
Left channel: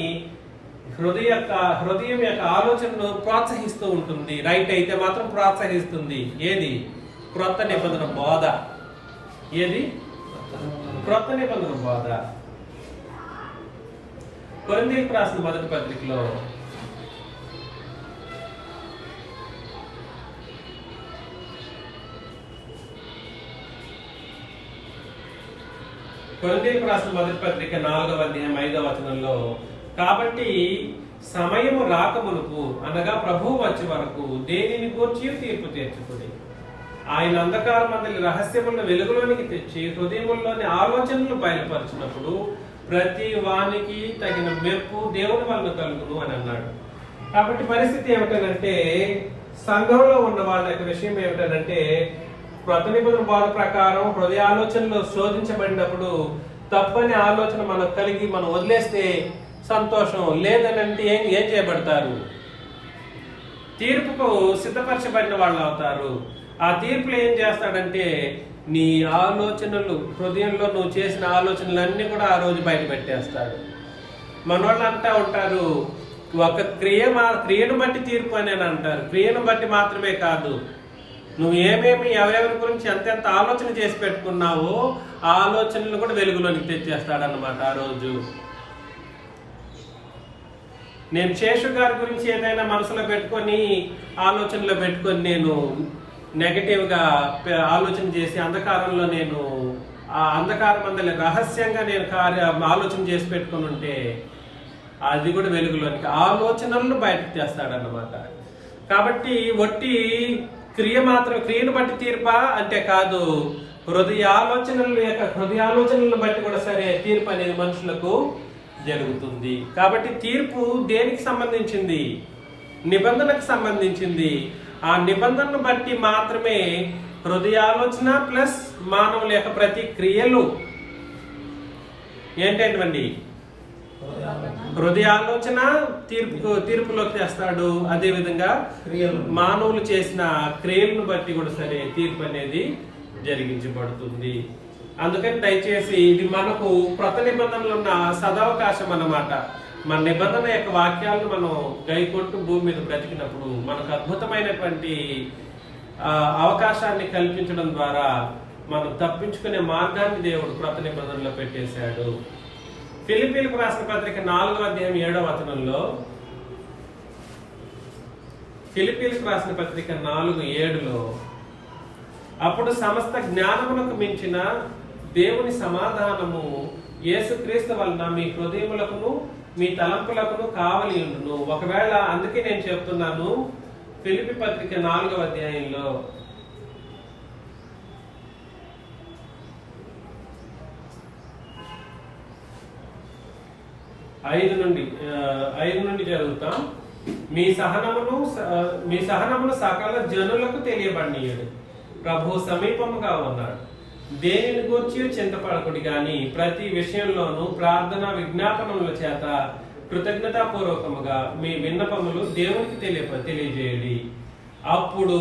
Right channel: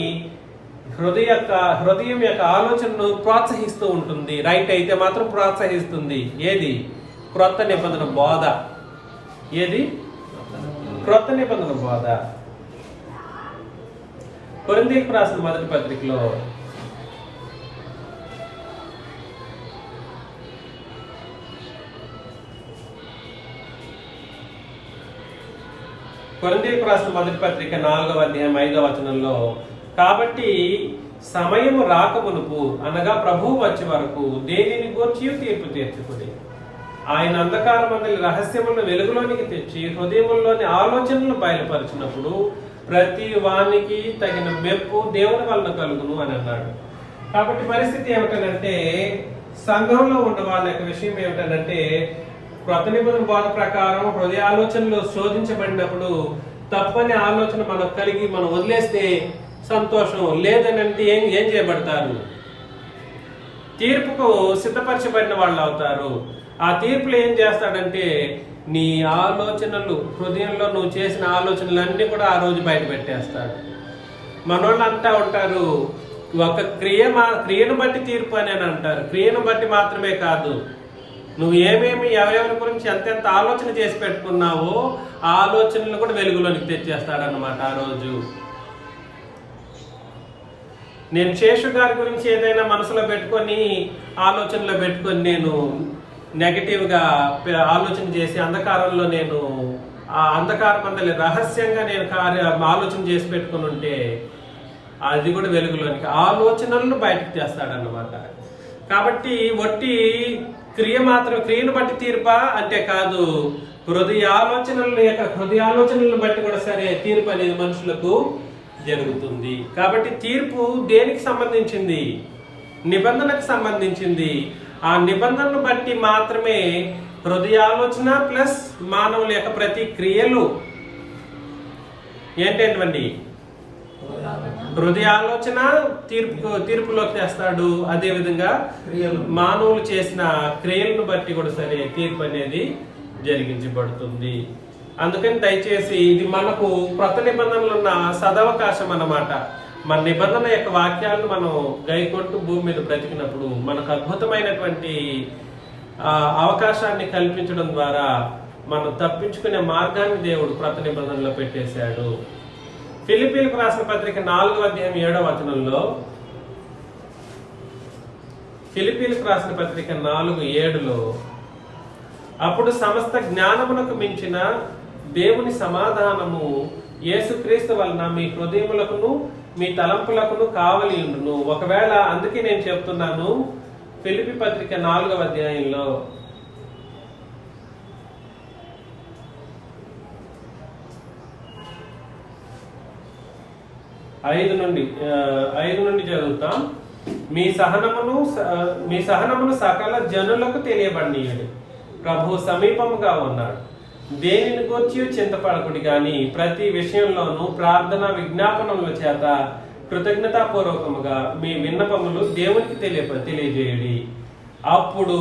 హృదయం యొక్క ఆలోచనను ప్రోత్సహిస్తూ ఉంటుంది. రైట్ అయితే మాత్రం ప్రోత్సహిస్తుంది. ఏది? క్రొత్త నిబంధన బోధ. ఏది? క్రొత్త నిబంధన బోధ. కొరింథీయులకు రాసిన మొదటి పత్రికలో కొరింథీయులకు రాసిన మొదటి పత్రిక 4వ అధ్యాయం 5వ వచనంలో, కాబట్టి సమయము రాకమునుపు అనగా ప్రభువు వచ్చే వరకు దేనిని గూర్చి తీర్పు తీర్చుకుని ఆయన అంధకార మందలి రహస్యములను వెలుగులోనికి తెచ్చి హృదయముల్లోని ఆలోచనలను బయలుపరిచినప్పుడు ప్రతి వానికి తగిన మెప్పు దేవుని వలన కలుగును అని అన్నాడు. కాబట్టి పరిస్థితి ఏమిటంటే సంఘంలో ఉన్న వాళ్ళ యొక్క విషయం ఏమిటంటే క్రొత్త నిబంధన బోధ ప్రకారం హృదయ ఆలోచనలు శోధించబడినప్పుడు తప్పని ఆలోచన మనం కలిగి మనం వదిలేస్తే సంతోషం, లేదని అంటే ఏం చేయబడతారు? తీర్పుకు సిద్ధపరచబడిన వాళ్ళు అవుతారు. ఆ తీర్పులు ఏం చేస్తాడంటే నీ ఆలోచనలు, హృదయంలో నువ్వు చేసిన ఆలోచనలన్నీ కూడా ఆ రోజు బయట పెట్టేస్తాడు. మనోళ్ళు అంటా ఉంటారు, ఒక క్రియను బట్టి తీర్పు అని అంటారు. క్రియను బట్టి మాత్రమే కాదు, నువ్వు ఏమేమి ఎవరెవరి గురించి ఎంతెంత ఆలోచన చేసి పెట్టుకున్నావో ఆ ఆలోచనలు కూడా వెలుగులోనికి తెచ్చేస్తాడన్నమాట ఆ రోజు. నేను శేషు గారి గురించి ఏదైనా మనసులో పెట్టుకొని, ఆలోచనలో పెట్టుకొని నేను నెగటివ్గా ఆలోచన చేసి అంధకారంలో నేను ఆ అంధకారం అందరి రహస్యంగా నేను ఆలోచన చేసి పెట్టుకుని ఉంటే అది కూడా వెలుగులోనికి ఆలోచనలను బయటకు తెస్తాడన్నమాట. కాబట్టి వట్టి క్రియను బట్టి తీర్పా అంటే కాదు, హృదయాలోచనలను బట్టి కూడా సరే తీర్పు అనేది మనుషులకు జరుగుతుంది. కాబట్టి తీర్పు దేనికి సంబంధించింది? నిబంధనకు సంబంధించింది. ఆ నిబంధనను బట్టి మాత్రమే హృదయాలోచన ప్లస్ మానవుల యొక్క ప్రతి క్రియలు ఏంటండి? హృదయాలోచన తీర్పులోకి తెస్తాడు. అదే విధంగా మానవులు చేసిన క్రియలను బట్టి కూడా సరే తీర్పు అనేది జరిగించబడుతుంది. అందుకని దయచేసి ఇది మనకు కొత్త నిబంధనలు ఉన్న సదవకాశం అన్నమాట. మన నిబంధన యొక్క వాక్యాలను మనం గైకొట్టు భూమి మీద బ్రతికినప్పుడు మనకు అద్భుతమైనటువంటి అవకాశాన్ని కల్పించడం ద్వారా మనం తప్పించుకునే మార్గాన్ని దేవుడు కొత్త నిబంధనలో పెట్టేశాడు. ఫిలిప్పీలకు రాసిన పత్రిక 4వ అధ్యాయం 7వ వచనంలో, ఫిలిప్పీలకు రాసిన పత్రిక 4:7లో, అప్పుడు సమస్త జ్ఞానమునకు మించిన దేవుని సమాధానము యేసుక్రీస్తు వలన మీ హృదయములకును మీ తలంపులకును కావలి ఉండును. ఒకవేళ అందుకే నేను చెప్తున్నాను, ఫిలిప్పీ పత్రిక 4వ అధ్యాయంలో 5 నుండి చదువుతాం. మీ సహనమును సకల జనులకు తెలియబడినీయుడు. ప్రభు సమీపముగా ఉన్నాడు. దేనిని గూర్చి చింతపడకుడి గాని ప్రతి విషయంలోనూ ప్రార్థన విజ్ఞాపనముల చేత కృతజ్ఞతాపూర్వకముగా మీ విన్నపములు దేవునికి తెలియజేయండి. అప్పుడు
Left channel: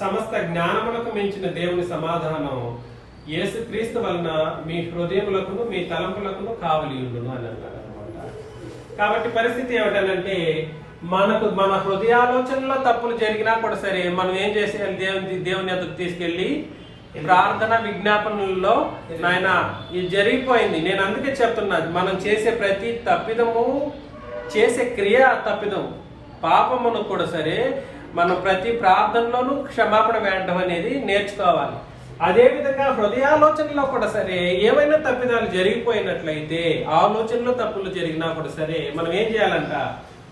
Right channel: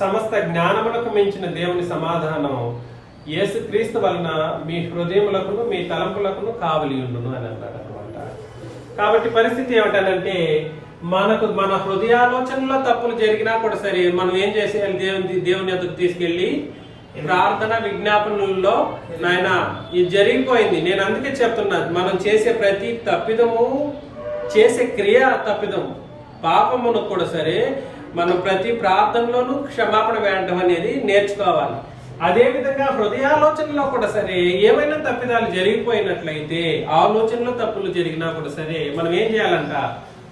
సమస్త జ్ఞానములకు మించిన దేవుని సమాధానం యేసుక్రీస్తు వలన మీ హృదయములకును మీ తలంపులకును కావలి ఉండును అని అన్నాడు అనమాట. కాబట్టి పరిస్థితి ఏమిటనంటే మన హృదయాలోచనలో తప్పులు జరిగినా కూడా సరే మనం ఏం చేసేయాలి? దేవుని ఎదురు తీసుకెళ్లి ప్రార్థన విజ్ఞాపనల్లో నాయన ఇది జరిగిపోయింది. నేను అందుకే చెప్తున్నాను, మనం చేసే ప్రతి తప్పిదము, చేసే క్రియ తప్పిదం, పాపమును కూడా సరే మనం ప్రతి ప్రార్థనలోనూ క్షమాపణ వేయడం అనేది నేర్చుకోవాలి. అదే విధంగా హృదయాలోచనలో కూడా సరే ఏమైనా తప్పిదాలు జరిగిపోయినట్లయితే, ఆలోచనలో తప్పులు జరిగినా కూడా సరే మనం ఏం చేయాలంట?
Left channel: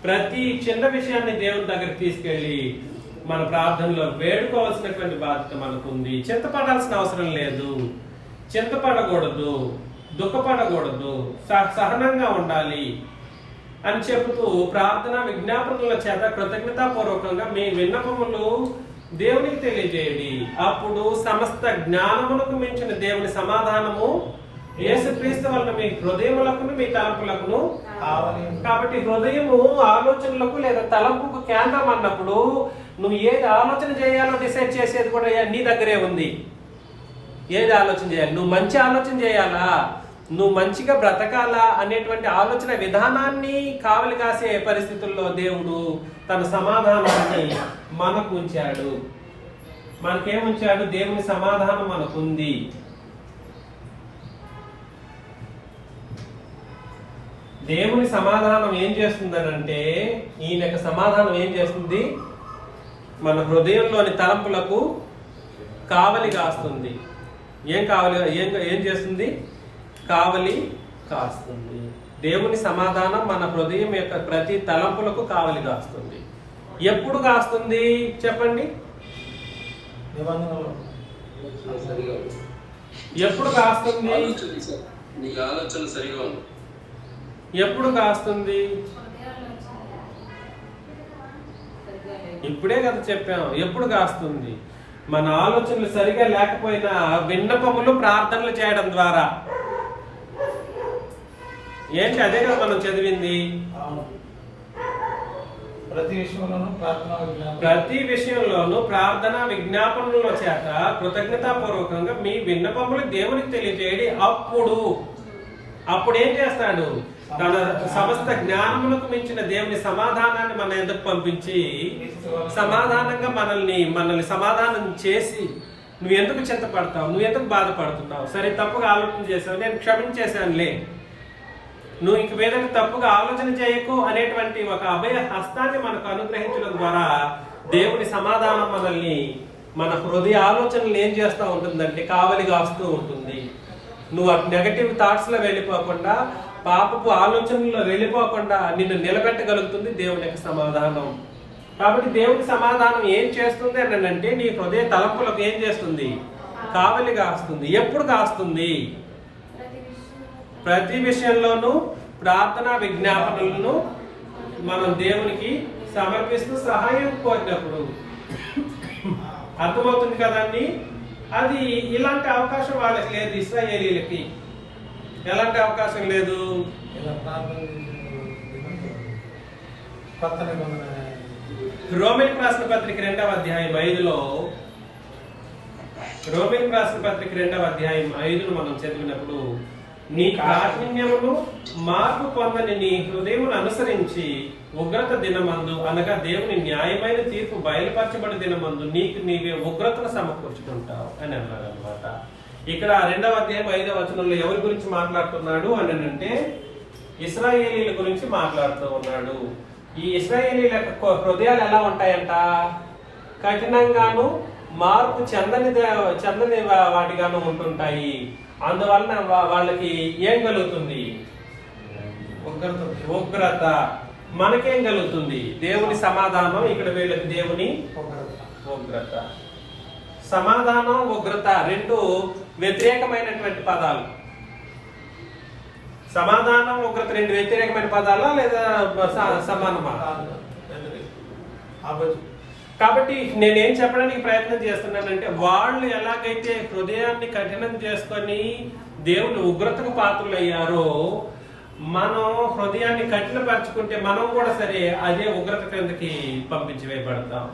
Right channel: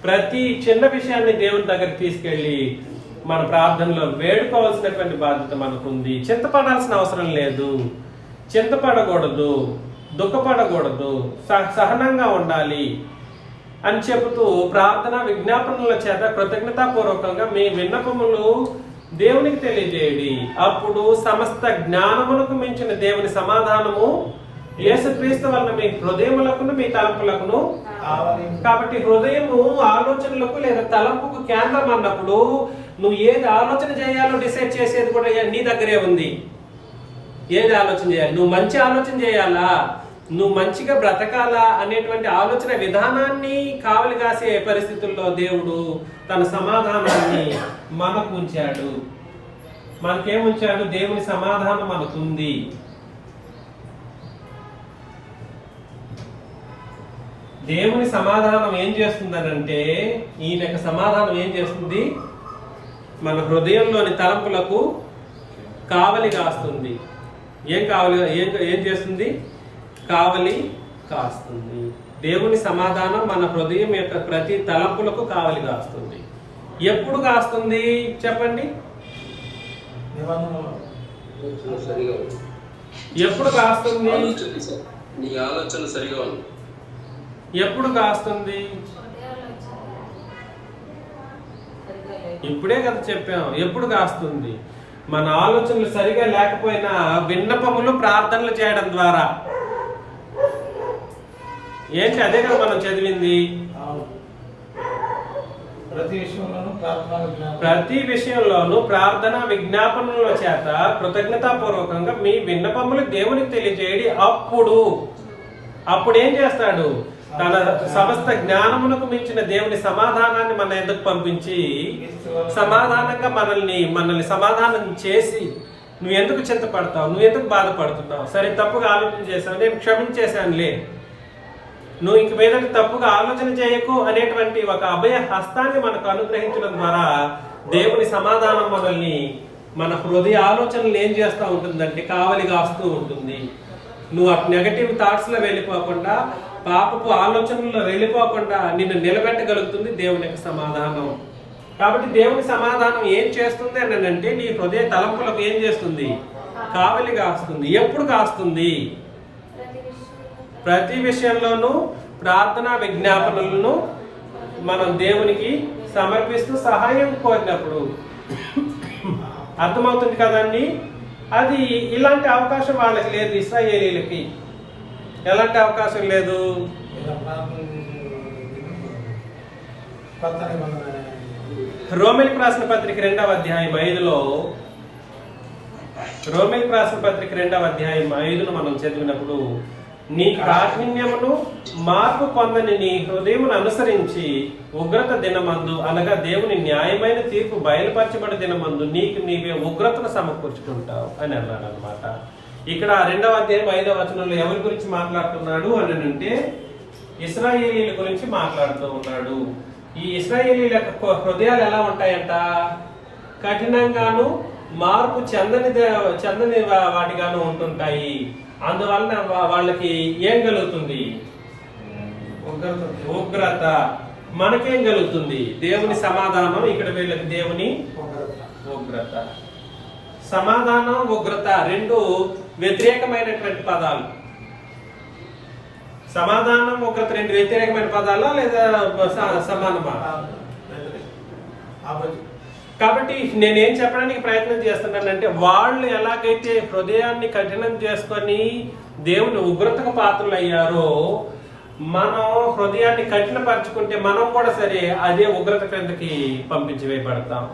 ప్రతి చిన్న విషయాన్ని దేవుని దగ్గరికి తీసుకెళ్లి మన ప్రార్థనలో వేడుకోవాల్సినటువంటి బాధ్యత మనకుంది. చింతపడాల్సిన అవసరం లేదు, చింతపడకూడదు, దుఃఖపడకూడదు, సహనంగా ఉండాలి అని చెబుతూ ప్రార్థన విజ్ఞాపనల చేత కృతజ్ఞతాపూర్వకంగా మీ విన్నపములు దేవునికి తెలియజేయండి. అప్పుడు సమస్త జ్ఞానమునకు మించిన దేవుని సమాధానము యేసుక్రీస్తు వలన మీ హృదయములకును మీ తలంపులకును. కాబట్టి హృదయము ఆలోచనలకు లేదా తలంపుకు కేంద్రం అన్నప్పుడు నువ్వు ఏది ఆలోచన చేయాలో డిసైడ్ చేసేది కూడా నీ దగ్గరే ఉంది. ఏది ఆలోచన చేయాలి? నువ్వు మంచి ఆలోచన చేయాలా, నువ్వు మంచిగా బ్రతకాలా అనేటువంటి ఆలోచన విధానాన్ని కావలి కాసే పరిస్థితుల్లో దేవుడు తన సమాధానాన్ని మనకు ఉంచాడు. మనకేముంచాడు? దేవుని సమాధానం మనకుంది. దేవుని సమాధానం ఏం చేస్తుందనంటే, ఈయన యొక్క సమాధానం ఏం చేస్తుంది? మన హృదయంలోని తలంపులకు కావలి కాస్తుంది. ఏం చేస్తుంది? కావలి కాస్తుంది. దేవుని సమాధానం మన హృదయం యొక్క ప్రతి తలంపులకు కావలి కాస్తుంది. ఎప్పుడు కాస్తుంది చెప్పండి? ఎప్పుడు కాస్తుంది? ఎప్పుడు కాస్తుంది? ఇప్పుడే కదా చెప్పాం. ఎప్పుడు కాస్తుంది? మన ఆలోచనలు సరిగా లేకపోయినా విన్నపములు ప్రార్థనలు చేయడం ద్వారా. ఏంటి? అదే కదా మనం చదివింది. ప్రతి విషయంలోనూ ప్రార్థన విజ్ఞాపన ప్రతి విషయంలోనూ ప్రార్థన విజ్ఞాపనల చేత కృతజ్ఞతాపూర్వకంగా మీ విన్నపములు దేవునికి తెలియజేయడి. అప్పుడు ఏం చేస్తాడు? తన సమస్త జ్ఞానమునకు మించిన దేవుని సమాధానాన్ని మన ఎదుకు పంపించి సమాధానంగా మనల్ని సమాధానం చేసి, నువ్వు ఎందుకు చింతపడతావు, నువ్వు ఎందుకు బాధపడుతున్నావు, సరే తప్పుగా ఆలోచన చేసావు, నేను క్షమించేశానులే, నువ్వు ఇంక మీద తప్పుగా ఆలోచన చేయకు అనేటువంటి ఒక అభయ హస్తాన్ని మనకు అనుగ్రహించడం ద్వారా దేవుని సమాధానం మనల్ని, మన హృదయ ఆలోచనలు ఏం చేస్తూ ఉంటుందంటే కావలి కాస్తూ ఉంటుంది. నువ్వు ఆ నెగటివ్ థాట్స్ లో వెళ్ళిపోకుండా, పాపపు ఆలోచనల్లో వెళ్ళిపోకుండా నిన్ను నిలబెట్టగలుగుతుంది దేవుని యొక్క సమాధానం. కాబట్టి దేవుని సమాధానం ఏం చేస్తుంది అని అంటే, నీ హృదయ తలంపులకు ఏం చేస్తుంది? కావలి కాస్తుంది. ఎప్పుడు కాస్తుంది? ప్రతి విషయంలోనూ ప్రార్థన విజ్ఞాపనలను మనం దేవునికి సమర్పిస్తూ సహాయం కోరినప్పుడు. అర్థమవుతుంది కదండి? అది ఇలాంటి అవకాశం వాళ్ళకి లేదు. ఇశ్రాయేలీయులకి ఎలాంటి అవకాశం లేదు. ఇలా ప్రార్థన కొత్త నిబంధన రోమిలకు రాసిన పత్రిక 2వ అధ్యాయం 5లో, రోమిలకు రాసిన పత్రిక 2వ అధ్యాయం 5ను మనం చదివినప్పుడు, నీ కాఠిన్యమును మార్పు పొందని నీ హృదయమును అనుసరించి ఉగ్రత దినమందు, అనగా దేవుని న్యాయమైన తీర్పు బయలుపరచబడి దినమందు నీకు నీవే ఉగ్రతను సమకూర్చుకుంటావు అని అన్నాడు అనమాట. ఇక్కడ 2వ అధ్యాయం 5వ వచనంలో ఎవరి గురించి మాట్లాడుతున్నాడు అని అంటే, ఇశ్రాయేలీయుల గురించి మాట్లాడుతూ ఉన్నాడు. ఈ ఇశ్రాయేలీయుల యొక్క హృదయాలు ఎలా ఉంటాయంట? కఠినంగాను మార్పు చెందని వాటిగాను ఉంటుంటాయి. అందువలన వాళ్ళకి ఏం కలుగుతుంది? ఉగ్రత. మనకేం కలుగుతుంది? దేవుని సమాధానం. ఇక్కడ వీళ్ళకి దేవుని ఉగ్రత. సమాధానం, ఉగ్రత రెండు వ్యతిరేకమైనటువంటి పదాలు. సమాధానం, ఉగ్రత రెండు వ్యతిరేకమైన పదాలా లేదా సమానమా? కాబట్టి నేనేం చెప్పడానికి ప్రయత్నం చేస్తున్నానంటే, వాళ్ళు ఎలాగైతే హృదయాన్ని కఠినం చేసుకొని దేవుని ఉగ్రతకు పాత్రలు అయ్యారో, మనం హృదయాన్ని కఠినపరచుకుంటే మనం కూడా సరే అదే ఉగ్రత కిందకి పంపించి వేయబడతాం.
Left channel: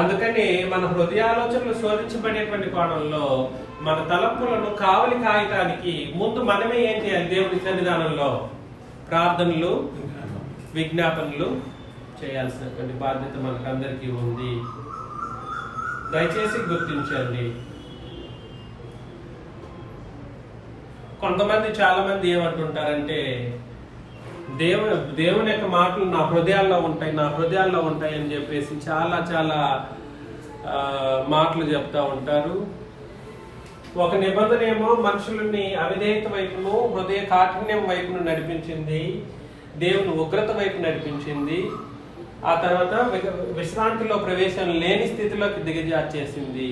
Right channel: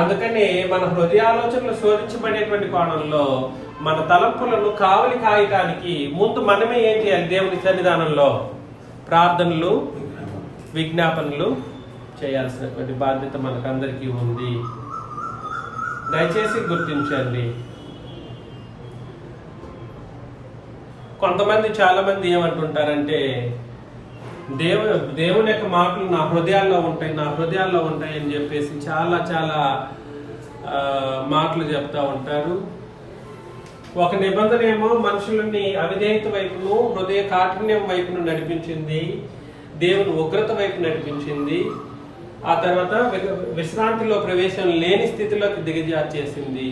అందుకని మన హృదయాలోచనలు శోధించబడేటువంటి కోణంలో మన తలంపులను కావలి కాయటానికి ముందు మనమే ఏం చేయాలి? దేవుని సన్నిధానంలో ప్రార్థనలు విజ్ఞాపనలు చేయాల్సినటువంటి బాధ్యత మనకందరికీ ఉంది. దయచేసి గుర్తించండి. కొంతమంది చాలా మంది ఏమంటుంటారంటే, దేవుని యొక్క మాటలు నా హృదయాల్లో ఉంటాయి అని చెప్పేసి చాలా చాలా మాటలు చెప్తా ఉంటారు. ఒక నిబంధన ఏమో మనుషులని అవిధేయత వైపును, హృదయ కాఠిన్యం వైపును నడిపించింది, దేవుని ఉగ్రత వైపు నడిపించింది. ఆ తర్వాత విశ్రాంతిలో ప్రవేశం లేని స్థితిలోకి దిగజార్చేసింది.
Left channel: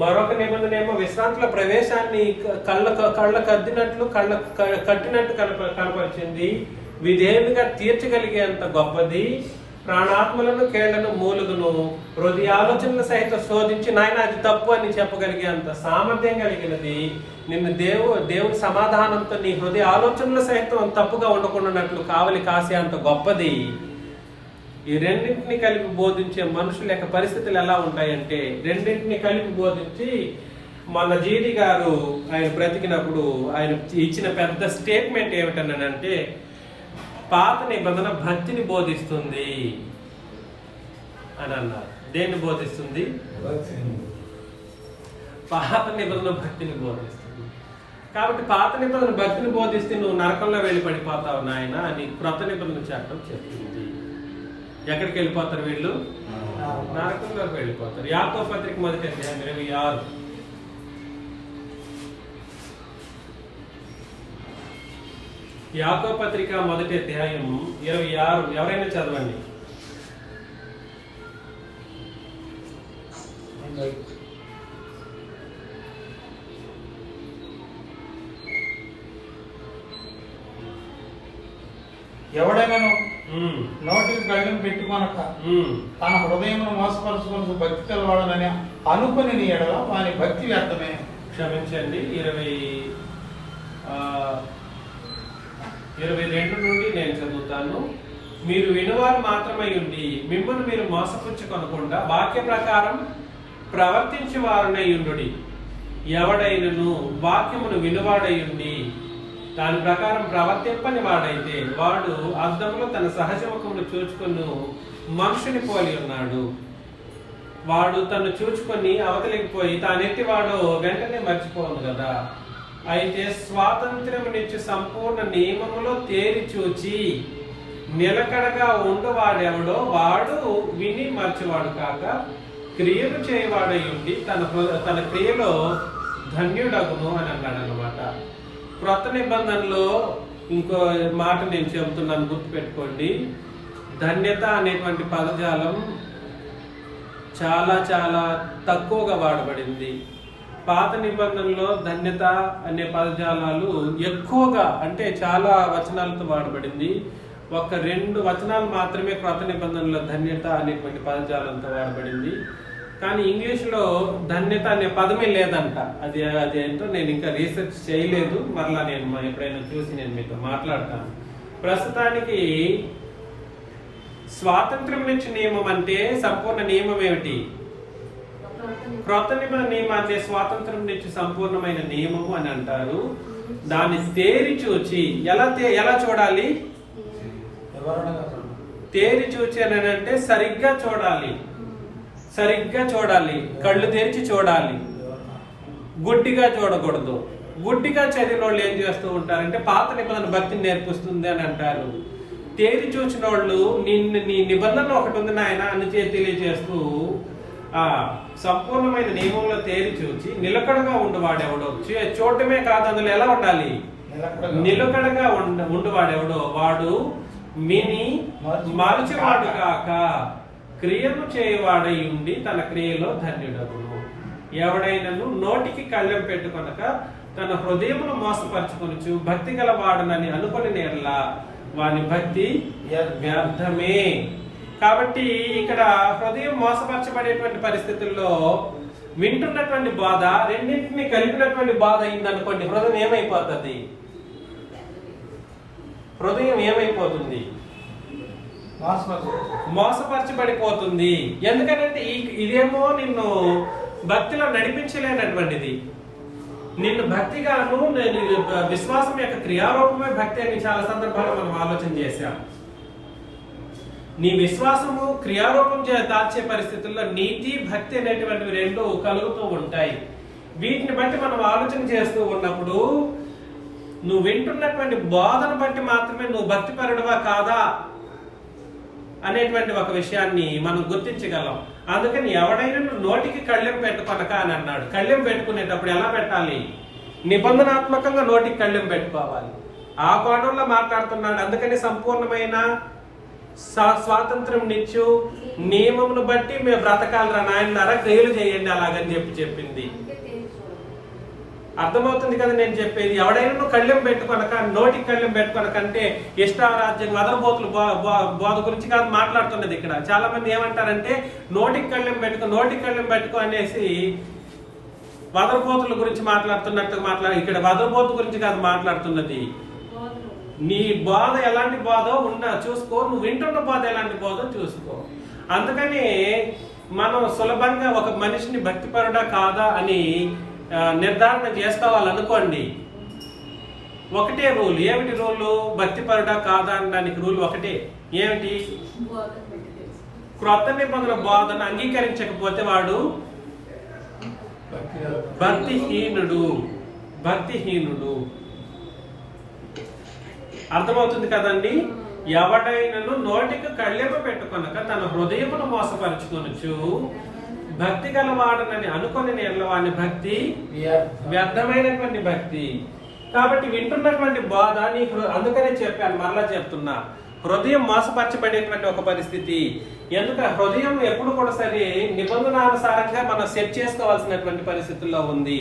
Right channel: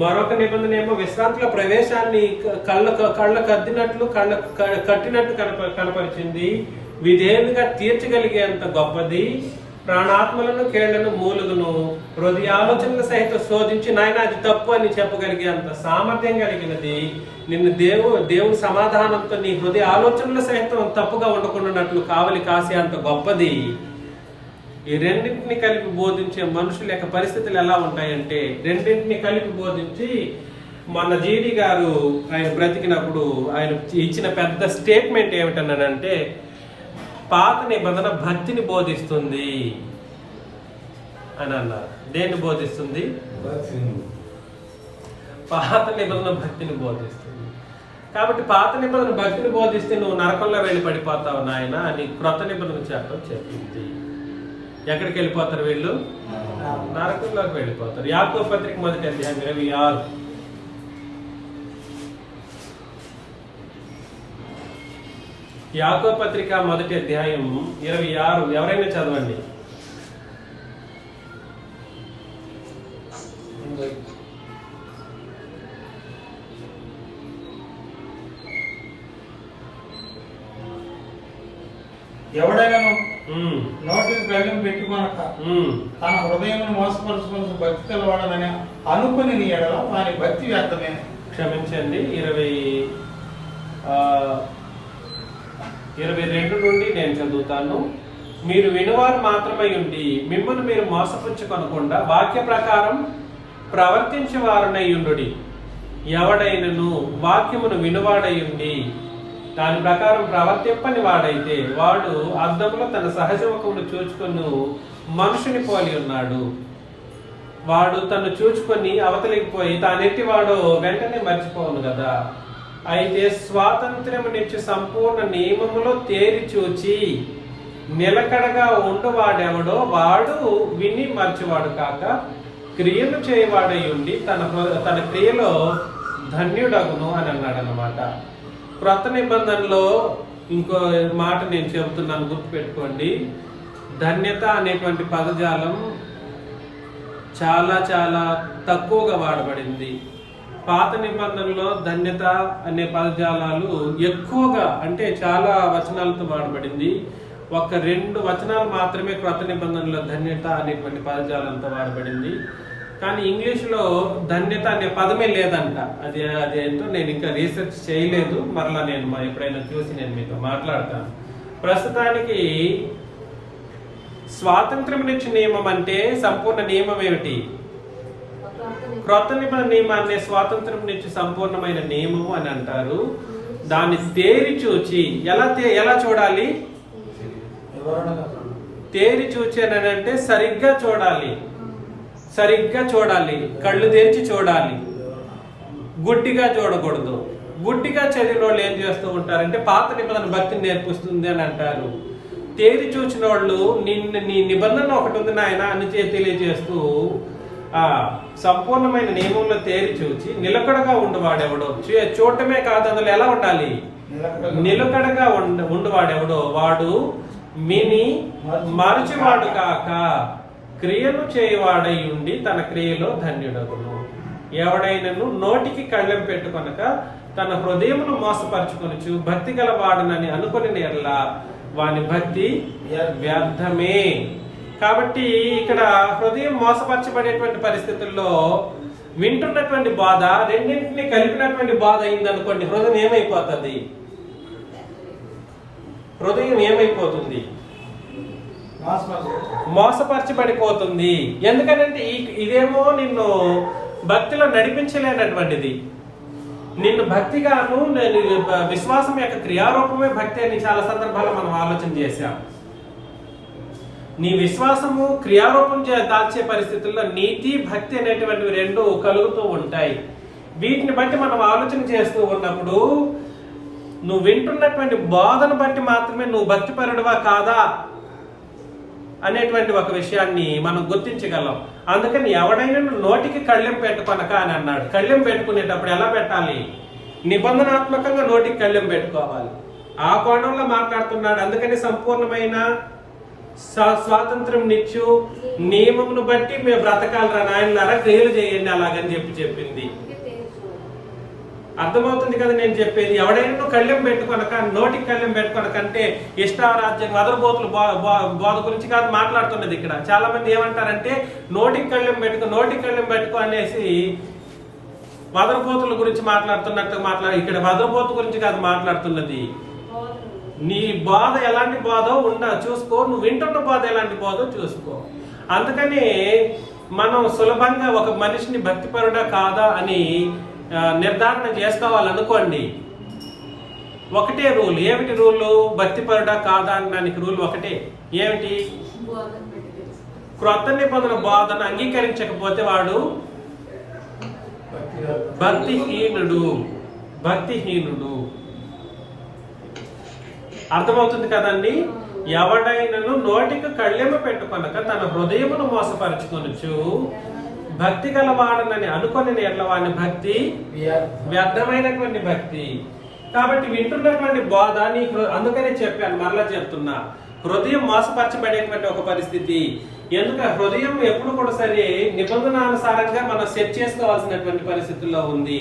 మరొక నిబంధన ఏమో విశ్రాంతిలో ప్రవేశాన్ని కళ్ళ కట్టినట్టు కనపరిచింది. విధేయులుగా తీర్చగలిగేంత గొప్పది. ప్రాణాత్మలను, కేళ్లను, మూలుగును, హృదయ ఆలోచనలు సహితం శోధించి నాయన అది తప్పు అని చెప్పగలిగే అంత సామర్థ్యం కలిగినది. నిన్ను దేవుని సమాధానంతో నీ హృదయ ఆలోచనలు సహితం తప్పుగా ఉండకుండాన్నట్లు కావలి కాసే అంత గొప్పది. ఈ రెండింటిని కలిపి బోధించే మనుషుల యొక్క పరిస్థితులు ఎలా ఉంటాయంటే, రెండింటిని కలిపి బోధించి మన జీడి గారు ఆయన బ్రతికినప్పుడు ఆయన ఇచ్చిన పెద్ద స్టేట్మెంట్ ఏమిటన్నాడంటే, పాత నిబంధన భక్తిని బోధిస్తుంది అని అన్నారు. దేన్ని బోధిస్తుంది? పాత నిబంధన భక్తిని బోధిస్తుంది. కాబట్టి పాత నిబంధన భక్తిని బోధిస్తే నువ్వు నరకంలో వెళ్ళి పడిపోతావు నాయన అని క్రొత్త నిబంధన చట్టం చెప్పింది. ఎక్కడికి వెళ్ళిపోతారు వీళ్ళు? నరకంలోకి వెళ్ళిపోతారు. యాకోబు పత్రిక 1వ అధ్యాయం 26. యాకోబు పత్రిక 1వ అధ్యాయం 26 ఎవరైనా చదవండి. ఎవడైనా నోటికి కళ్ళం పెట్టుకొనక తన హృదయమును మోసపరుచుకుని భక్తి కలవాడని అనుకుని నీ ఎడల వాని భక్తి వ్యర్థమే. క్షమించండి, 22 నుండి నేను చదువుతాను. మీరు వినువారు మాత్రమై ఉండి మిమ్మల్ని మీరు మోసపుచ్చుకొనకుండా వాక్య ప్రకారం ప్రవర్తించే వారునై ఉండుడి. ఎవడైనను వాక్యమును వినువాడై ఉండి దాని ప్రకారం ప్రవర్తింపని వాడైతే వాడు అద్దంలో తన సహజముఖమును చూచుకొని మనుషుని పోలి ఉన్నాడు. వాడు తను చూచుకొని అవతలికి పోయి తానెట్టి వాడు వెంటనే మర్చిపోవును కదా. అయితే స్వాతంత్ర్యమునిచ్చి సంపూర్ణ నియమములో తేరి చూచి నిలకడగా ఉండువాడెవడో వాడు విని మర్చివాడు కాక క్రియలు చేయవాడై ఉండి తన క్రియలో ధన్యుడగును అని అన్నాడు అన్నమాట. క్రొత్త నిబంధనలో ఇంకో మాట నేను చెబుతున్నాను, గుర్తుపెట్టుకోండి. ధన్యత అనేటువంటి పదజాలం చాలా చాలా తక్కువగా వాడబడింది. పాత నిబంధనలో ధన్యత అనే పదజాలాలు ఎక్కువగా, అంటే చాలా వచనాలతో వాడబడింది. ఒక 2 వచనాలు మాత్రమే క్రొత్త నిబంధనలో ధన్యత అనేటువంటి పదజాలంతో వాడబడింది. కానీ ఇంగ్లీష్లో ధన్యత అనే పదమే లేదంట. అది ఏంటో నేను ఇంకా రీసెర్చ్ చేయలేదు. మరలా నేను ఎప్పుడైనా చూసి నేను మీతో మాట్లాడతాను. ప్రస్తుతానికి స్వాతంత్ర్యం నుంచి నియమం అంటే సంపూర్ణ నియమం ఏమిటి? క్రొత్త నిబంధన నియమాన్ని స్వాతంత్రం నుంచి సంపూర్ణమైన నియమము అని అంటారు. దాన్ని తేరి చూచి ఎలా చూడాలి? తేరి చూచి అని అంటే సరిగ్గా చూడాలి, కళ్ళు తెరిచి చూడాలి, గుడ్డిగా చూడకూడదు. గుడ్డిగా చదివిన వాళ్ళు ఏం చేస్తూ ఉంటారంటే పాత నిబంధన భక్తిని నేర్పిస్తుంది అని అంటారు. తేరి చూచిన వాళ్ళు నీ నిబంధన ఒకటి ఉంది నాయన అని తెలియజేస్తూ సంపూర్ణమైన నియమంలో తేరి చూచి నిలకడగా ఉండువాడెవడో, చూడటమే కాదు అందులో ఎలా ఉండాలి? నిలకడగా ఉండువాడెవడో వాడు మిని మరచివాడు కాక క్రియలు చేయవాడై ఉండి తన క్రియలో ధన్యుడగును. ఎవడైనను నోటికి కళ్ళెం పెట్టుకొనక తన హృదయమును మోసపరచుకొనుచు భక్తి గలవాడనని అనుకుని నేర్లా వాని భక్తి వ్యర్థమే. కాబట్టి ఇక్కడ హృదయం మోసపరచబడేటువంటి పరిస్థితుల్లో వింటున్నటువంటి బాధ రెండింటిని కలిపినటువంటి బాధ అయిందనుకోండి, హృదయం ఏమైపోతుంది? మోసపరచబడిపోతుంది. ఎందుకంటే ఇదేమో నిన్ను భక్తిలో నడిపించలేనటువంటిది. నిన్ను భక్తిగాను విశ్వాసం యొక్క క్రియారూపమే భక్తి అని చాలా సందర్భాల్లో మనం ఆలోచన చేశాం. నీ విశ్వాసము క్రియారూపం దాల్చే పరిస్థితుల్లో నీతి భక్తి అనేటువంటివి 2 కలుగుతూ ఉంటాయి. వీటిని బట్టి మనం ఆలోచన చేస్తూ ఉన్నప్పుడు నువ్వు వింటున్నటువంటి బోధను బట్టి మాత్రమే నువ్వు భక్తిపరుడువా కాదా అనేటువంటి ఒక విషయాన్ని మనం గుర్తించగలం. అందుకని ఎవడైనా నోటికి కళ్ళెం పెట్టుకొనక అని అన్నాడు. కళ్ళెం పెట్టుకునేటప్పుడు ఎలా పెట్టాలి? నిబంధనాత్మకంగా నోటికి కళ్ళెం పెట్టుకోవాలి. ఆ కోణంలో మాట్లాడుతున్నాడు. అందుకని సంపూర్ణమైన స్వాతంత్రం నిచ్చు నియమమును బట్టి మేము బ్రతకాలరా నాయనలారా, క్రియలు చేయండి అలాగని చెప్పింది. అర్థమవుతుంది కదా నేను చెప్పేది? ఎవడైనా కళ్ళెం పెట్టుకొనక, నోటికి కళ్ళెం పెట్టుకొనకంటే ఇష్టారాజ్యం మదర్బోతులు బోధ గురించి కాదు మాట్లాడుతున్నది. ఇక్కడ చాలా మంది ఏమంటారంటే నోటికి కళ్ళెం పెట్టుకో అనేసి వదరబోతుల గురించి మాట్లాడుతున్నట్టు ఇక్కడ వదరబోతు గురించి కాదు మాట్లాడుతున్నది. నీ బోధ ఎలాంటి బోధో చూసుకో, నువ్వు వింటున్న బోధ ఎలాంటి బోధో చూసుకో. అందుకని మనం సులభంగా ఒక మనిషిని భక్తిపరుడా కాదా అని నిర్ధారణ చేసుకోవాలనుకోండి. ఒకటే రూల్. ఏమిటి రూలు? భక్తిపరుడా కాదా అనడానికి రూల్ ఒకటే. ఏమిటి? క్రొత్త నిబంధన బోధన అంగీకరించకపోతే వాడు భక్తిహీనుడు. అర్థమవుతుంది కదండి? ఎవడైనను నోటికి కళ్ళెము పెట్టుకొనక తన హృదయమును మోసపరచుకొనుచు భక్తి గలవాడనని అనుకుని వాని భక్తి వ్యర్థమైనటువంటి భక్తి. కాబట్టి వింటున్నటువంటి బోధ నీకు, అందుకనే చెప్పాను, మరలా చెప్తున్నా, హృదయం మోసపరచబడేటువంటి ఒక పరిస్థితి. ఎందుకంటే హృదయం ఎప్పుడు కూడా సరే నిబంధనానుసారంగా మనం సెట్ చేసుకోవాల్సినటువంటి పరిస్థితుల్లో ఉంది.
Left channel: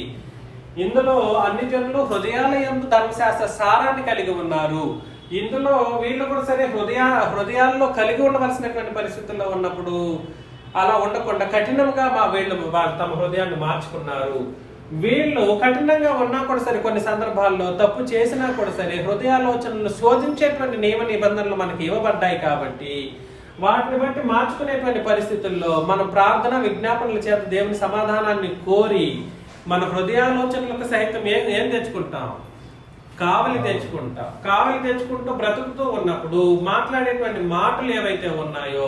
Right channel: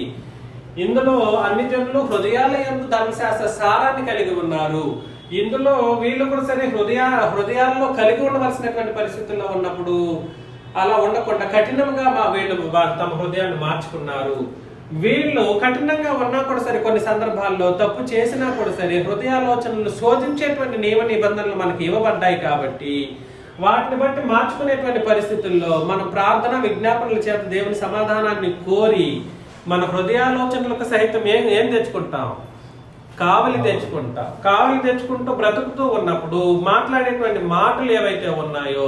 ఇందులో అన్ని జనులు హృదయాల యందు ధర్మశాస్త్ర సారాన్ని కలిగి ఉన్నారు. ఇందులో వీళ్ళు కూడా సరే హృదయాల్లో కలిగి ఉండవలసినటువంటి పరిస్థితుల్లో ఉన్నప్పుడు అలా ఉండకుండా కఠినంగా వీళ్ళు తమ హృదయాన్ని మార్చుకున్నారు. వీళ్ళు కఠినంగా ఉన్నా కూడా సరే, కొన్ని సందర్భాల్లో తప్పు చేసినా కూడా సరే, హృదయాలోచనలు శోధించేటువంటి నియమ నిబంధనలు మనకి ఇవ్వబడ్డాయి కాబట్టి వాటిని బట్టి మార్చుకునేటువంటి పరిస్థితుల్లో మన ప్రార్థన విజ్ఞాపనల చేత దేవుని సమాధానాన్ని కోరి మన హృదయాలోచనలకు సైతం ఏం తెచ్చుకుంటాం? కావలి తెచ్చుకుంటూ బ్రతుకుతూ ఉన్నప్పుడు మాట్లాడేటువంటి మాటలు ఏవైతే ఉన్నాయో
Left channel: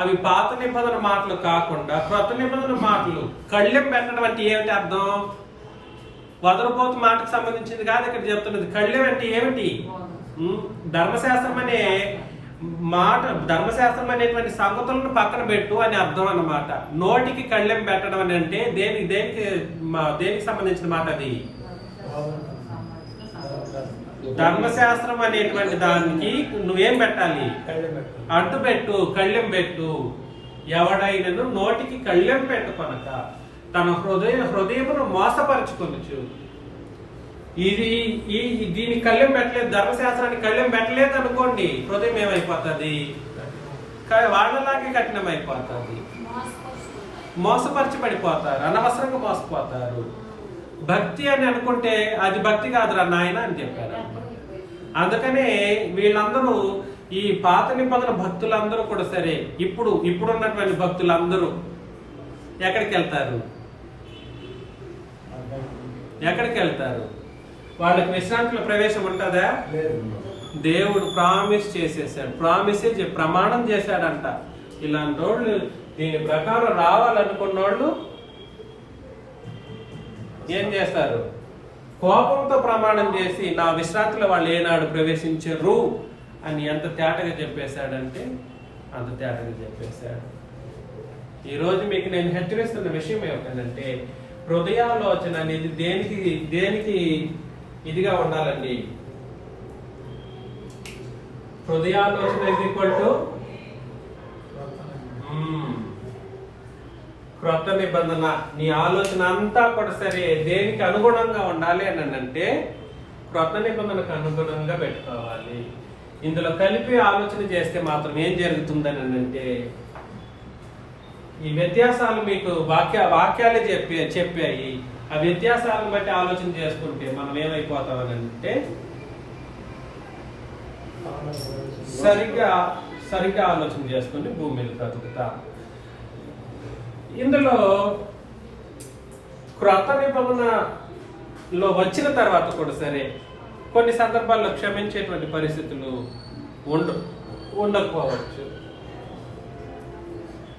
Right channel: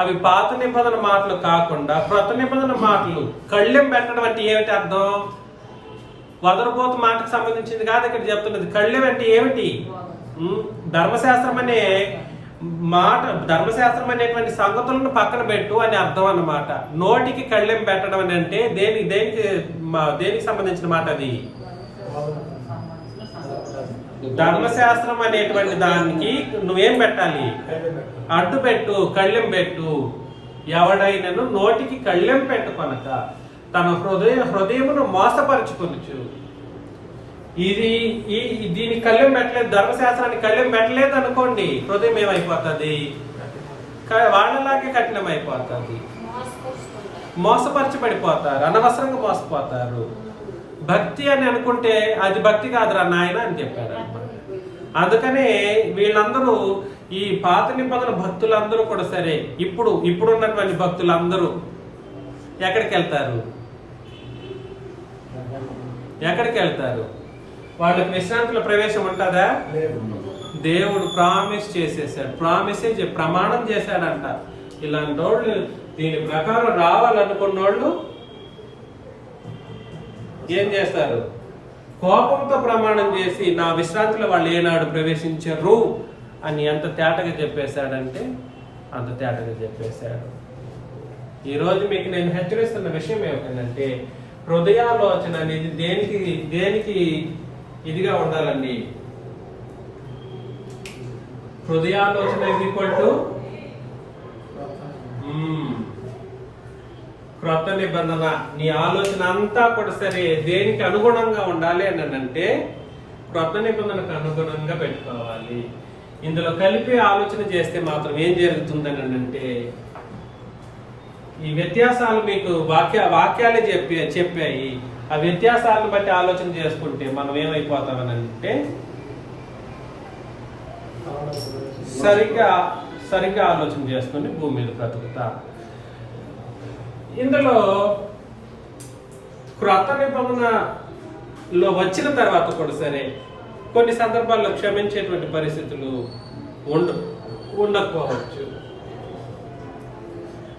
అవి పాత నిబంధన మాటలు కాకుండా క్రొత్త నిబంధన మాటలు. కళ్ళెం పెట్టడం అంటే ఏమిటి అర్థం? వదలపోతు మాటకు సంబంధించింది కాదు ఇక్కడ చెప్తున్నది. కళ్ళెం అంటే ఏమిటి? ధర్మశాస్త్రం అనే మాట, ధర్మశాస్త్రం అనేటువంటి సంగతులను పక్కన పెట్టు అని అర్థం అన్నమాట. నోటికి కళ్ళెం పెట్టడం అని అంటే దేనికి సంబంధించిన మాట అది? ధర్మశాస్త్రం అనేటువంటి దానికి నువ్వేం పెట్టాలి? అడ్డు పెట్టు, కళ్ళెం పెట్టు. ఎవడైనను నోటికి కళ్ళెం పెట్టుకొనక తన హృదయమును మోసపరుచుకొనుచు. దీనికి కళ్ళెం పెట్టలేదు, ధర్మశాస్త్రానికి కళ్ళెం పెట్టలేదు అనుకోండి, హృదయం ఏమైపోతుంది? వాళ్ళలాగే కఠినమైపోతుంది. మోసపరచబడిపోతారు, అనవసరంగా మోసపోతారు. భక్తి అని అనుకుంటే అది భక్తి కాదురా నాయన అని చెప్పారు అన్నమాట. అందుకనే వీళ్ళందరూ, ఈ పాత నిబంధన భక్తులందరూ కూడా సరే, ఇప్పుడున్నటువంటి భక్తులందరూ ఎక్కడికి వెళ్తారు? వాళ్ళకి విశ్రాంతిలో ప్రవేశం ఉంటుందా? దేవుడు ప్రామిస్ చేసేసాడు, ప్రమాణం చేశాడంట. ఇలాంటి వాళ్ళు దీని ప్రకారం రావాలనుకున్న వాళ్ళు ఏం చేస్తారు? కోపంతో ప్రమాణం చేసి నా విశ్రాంతిలో వాళ్ళు ఏనాడు ప్రవేశించరు అని ఎంత తేటగా చెప్పేశాడంటే అంత తేటగా చెప్పేశాడు. ఈరోజు మీకు నేను హెచ్చరిస్తున్న విషయం ఏమిటంటే, హృదయాలోచన అనేది దేనికి ఇదిగా ఉండాలండి? హృదయాలోచన ఈక్వల్ టు క్రొత్త నిబంధన. నీ ఆలోచన అంతా కూడా సరే దేనికి అనుగుణంగా ఉండాలి అని అంటే క్రొత్త నిబంధనకు అనుగుణంగా పెట్టుకోవాలి. ఇందులో కలిపి ఆలోచన చేస్తే మాత్రం ఏం జరుగుతుందని అంటే, ఈ వ్యత్యాసాలు మీకు వాక్యాలే చెప్పాయి. ఆ వ్యత్యాసాలను బట్టి ఆలోచన చేసుకుంటే మనం ఏమైపోతామని అంటే సరిగ్గా ఆలోచన చేసుకుని భూమి మీద బ్రతుకుతా. ఇందులో క్రొత్త నిబంధనలో వచ్చిన తర్వాత కూడా సరే కొన్ని సందర్భాల్లో క్షమించేటువంటి పరిస్థితులు ఉండకపోవచ్చు.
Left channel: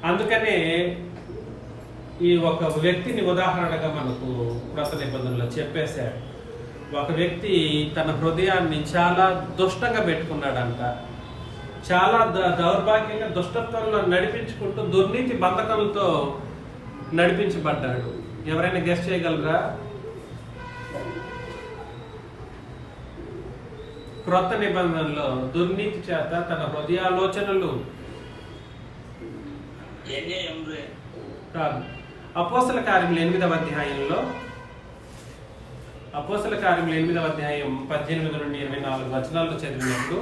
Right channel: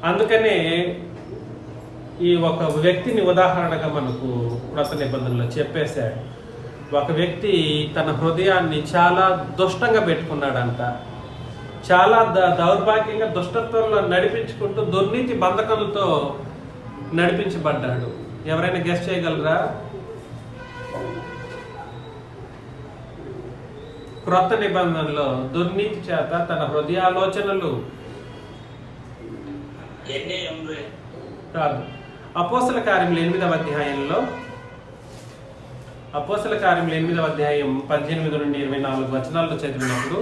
అందుకనే ఈ ఒక వ్యక్తిని ఉదాహరణగా మనకు క్రొత్త నిబంధనలో చెప్పేశాడు. ఒక వ్యక్తి తన హృదయాన్ని చాలా దుష్టంగా పెట్టుకున్నాడంట. చాలా దౌర్భాగ్యంగా దుష్టత్వంలో నడిపించుకుంటూ దుర్నీతి బంధకాలతో నడిపించబడ్డాడు. ఎవరైనా గెస్ట్ చేయగలరా? క్రొత్త నిబంధనలో దుర్నీతి చేత తన హృదయాలోచనలు కాదు. అపోస్తల కార్యములు 8వ అధ్యాయంలో, అపోస్తల కార్యములు 8వ అధ్యాయం 18 నుండి 24 వచనాల్లో చదివినప్పుడు,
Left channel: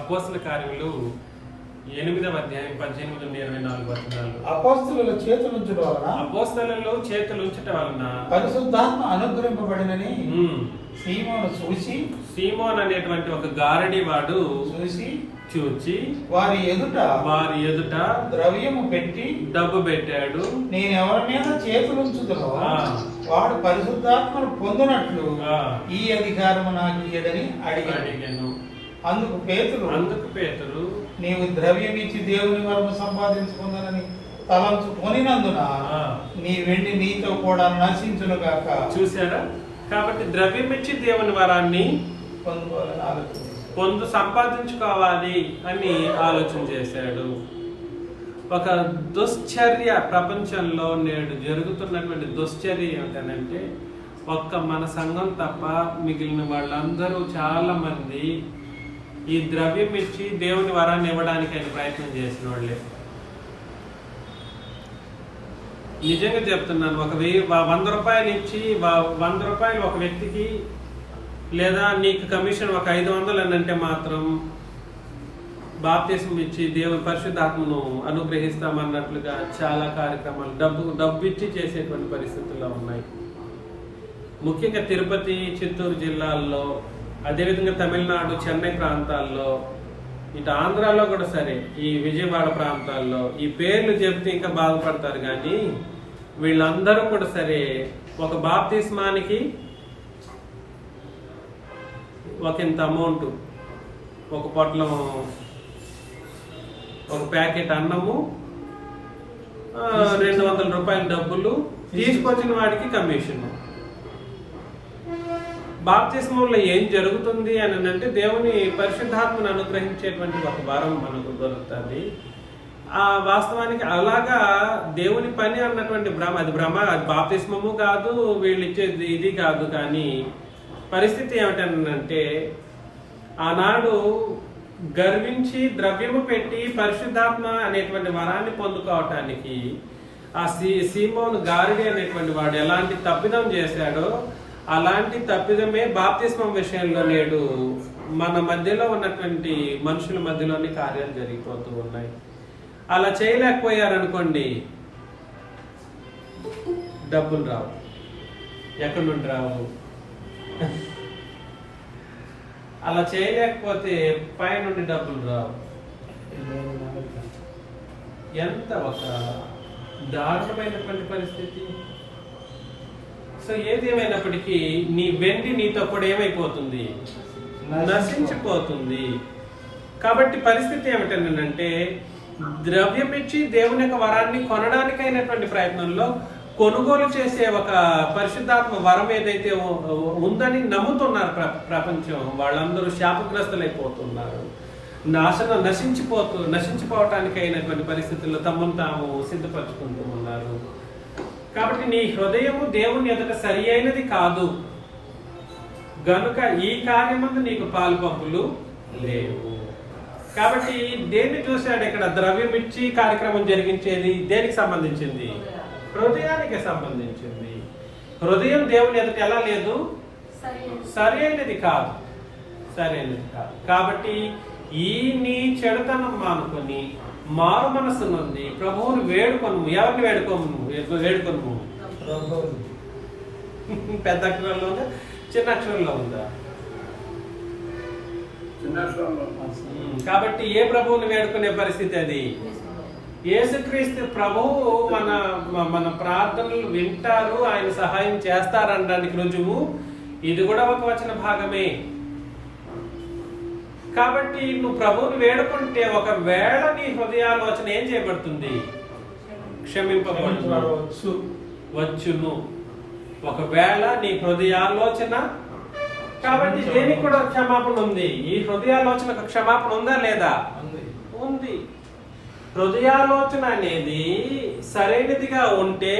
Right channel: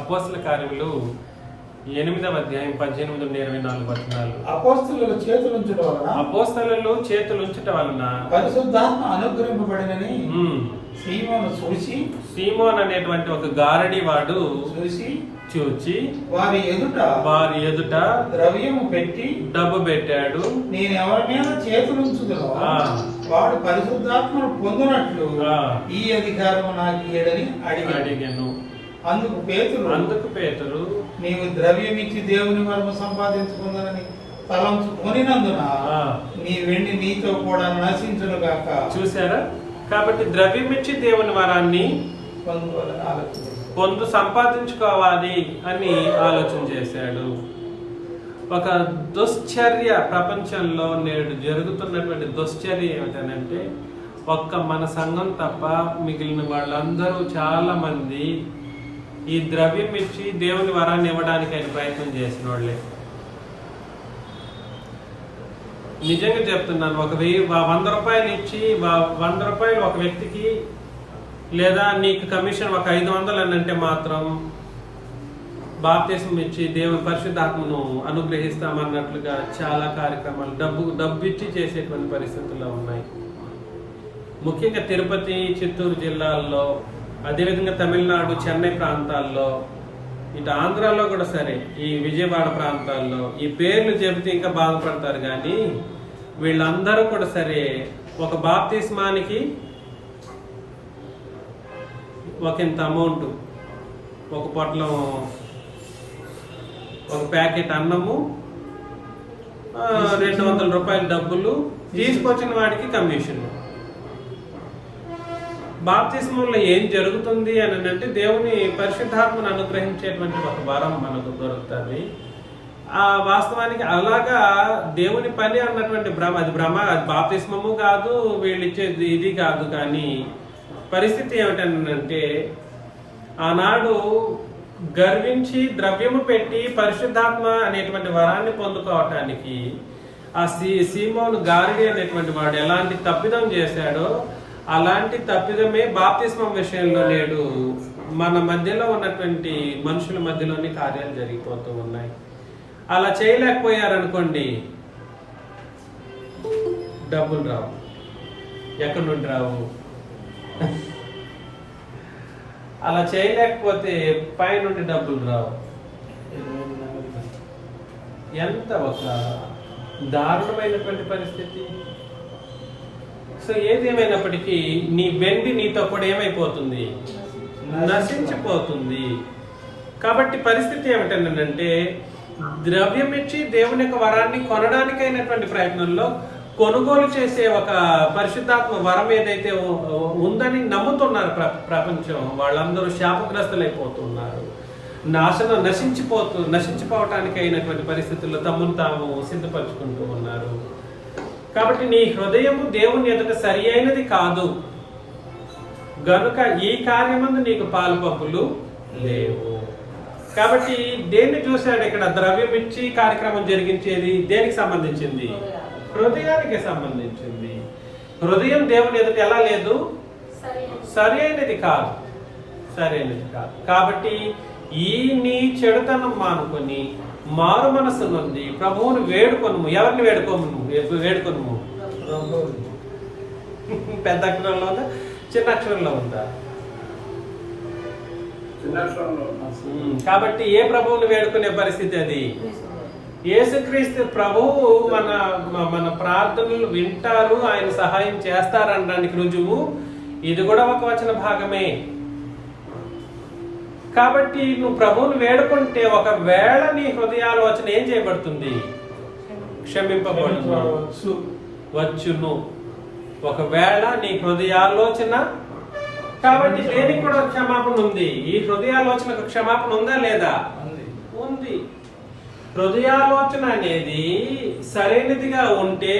అపోస్తల కార్యములు 8వ అధ్యాయం 18 నుండి 24 వచనాలు, అపోస్తలుల చేతులుంచుట వలన పరిశుద్ధాత్మ అనుగ్రహింపబడినని సీమోన్ అనేటువంటి ఒక గారడి వాడు చూచి వారి ఎదుట ద్రవ్యము పెట్టి డబ్బు పెట్టాడు. నేను ఎవరి మీద చేతులుంచుదునో వాడు పరిశుద్ధాత్మను పొందినట్లు ఈ అధికారం నాకు ఇయ్యడని అడిగాను. అందుకు పేతురు నీవు ద్రవ్యం ఇచ్చి దేవుని వరము సంపాదించుకుందనని తలంచుకొనినందున నీ వెండి నీతో కూడా నశించును గాక. చూసారా? కాబట్టి ద్రవ్యం ఇచ్చి దేవుని వరాన్ని సంపాదించుకోవాలి అని ఆలోచన చేశాడు. ఒక దుశ్చర్య ప్రపంచంలో నేడు జరుగుతున్నటువంటి దుశ్చర్య ఏమిటనంటే, ఒక్క మన సంఘం తప్ప మిగిలిన వాళ్ళందరూ చాలా మంది ఈ ద్రవ్యం ఇచ్చి దేవుని వరాన్ని ఇవ్వడానికి ఆయన ప్రయత్నం చేసిన వాళ్ళే. నిజంగా చెప్తున్నాను, 100 రూపాయలు ఇచ్చి 100 రూపాయలు ఒక వ్యక్తికి, లేదా నీకు కమిషన్ ఒక 500 అని అంటే మాత్రం బాప్తిస్మం ఇచ్చి దేవుని పరిశుద్ధాత్మను అనుగ్రహిస్తామన్నట్లుగా చాలా కార్యక్రమాలు డబ్బు ఇచ్చి చేసేటువంటి పరిస్థితుల్లో ఉన్నాయి. ముఖ్యంగా తిరుపతి, చిత్తూరు జిల్లాల్లో, అదేవిధంగా తమిళనాడు, చెన్నై ప్రాంతాల్లో, ఇటు ఆంధ్రాలో కూడా సరే, ఈ విజయవాడ ప్రాంతాల్లో ఈ పేర్లు చెబితే ఇంకా బాధపడతారు. కానీ వీళ్ళందరూ కూడా సరే ఒక బాప్తిస్మానికి ఒకంత అమౌంట్, ఒక పొట్లం, ఒక ప్యాకెట్ అన్నము, 200 రూపాయల డబ్బులు, తీసుకొచ్చిన వాడికి కమిషన్. బాప్తిస్మంలో ఏం జరుగుతుంది అని అంటే దేవుని పరిశుద్ధాత్మను అనుగ్రహించేటువంటి ఒక వరం మనకు దొరుకుతుంది. ఆ వాస్తవానికి అలాగా దేవుని పని అన్నటువంటి అది బాప్తిస్మము కాదు, వీళ్ళు ఇచ్చేది ఇది కాదు. కానీ పరిస్థితి ఏమిటంటే ఆనాడు గర్వించి ద్రవ్యము పెట్టి పరిశుద్ధాత్మ అనేటువంటి వరాన్ని పొందుకోవటానికి ఆ సీమోను గారిడి అనేటువంటి వాడు ఎలాంటి తప్పిదం చేశాడో అలాంటి తప్పిదమే బాప్తిస్మం విషయంలో నేడు మన మధ్యలో ఉన్నటువంటి మనుషుల మధ్యలోని కార్యాలు జరిగిపోతూ ఉన్నాయి. అలా చేయలేకపోయారనుకోండి, డబ్బులు రావు. ఎక్కడి నుండి రావు? అలా చేయలేకపోతే పై నుండి డబ్బులు రావు. ఎంత ఒక దారుణమైనటువంటి పరిస్థితి. సో ఏదేమైనప్పటికీ నీ వెండి నీతో కూడా ఏమైపోతుంది? నశించిపోతుంది. కాబట్టి పరిస్థితి ఏమిటంటే ద్రవ్యం ఇచ్చి దేవుని యొక్క వరాన్ని కొనడానికైనటువంటి ప్రయత్నంలో కొనుగోలు చేసే ఒక పరిశుద్ధాత్మ వరం ఏదైతే ఉందని నమ్ముతున్నారు ప్రపంచం, వాళ్ళందరూ శాపగ్రస్తులైపోతున్నారు. నశించిపోవటానికి అయినటువంటి పరిస్థితుల్లో తమను తాము సిద్ధపరచుకుంటూ ఉన్నారు. కాబట్టి నీ హృదయము దేవుని ఎదుట సరి అయినది కాదు గనుక ఈ కార్యమందు నీకు పాలుపంపులు లేవు. కాబట్టి దేన్ని చూశాడు ఇక్కడ? ద్రవ్యం ఇచ్చి కార్యక్రమం జరిగించేది దేనికి సంబంధించింది? హృదయానికి సంబంధించింది. హృదయం దేవుని ఎదుట ఎలా లేదు? సరి అయినది కాదు. కాబట్టి ఈ నీ చెడుతనం మానుకొని మారు మనస్సు నుండి ప్రభువుని వేడుకొనుము. ఎవరిని వేడుకొనుము? పెద్ద అక్షరంలో ఉందా, చిన్న అక్షరంలో ఉందా? కాబట్టి ఏ ప్రభువుని వేడుకునే పరిస్థితి అది? యేసుక్రీస్తు ప్రభువు మన ప్రార్థనలు వింటారు, ఆయన సహాయం చేస్తారనడానికి రుజువు ఇది కూడా ఒక వచన భాగమే. కాబట్టి నువ్వు ప్రభువుని వేడుకుంటే ఒకవేళ నీ హృదయాలోచన ఏం చేయబడుతుంది? క్షమింపబడును. ఒకవేళ నీ హృదయాలోచన, కాబట్టి దేనికి కూడా క్షమాపణ ఉంది. ఈ హృదయాలోచనకు క్షమాపణ ఉందా లేదా? ఉంది. హృదయాలోచన అనేది సరైనదిగా ఉంటే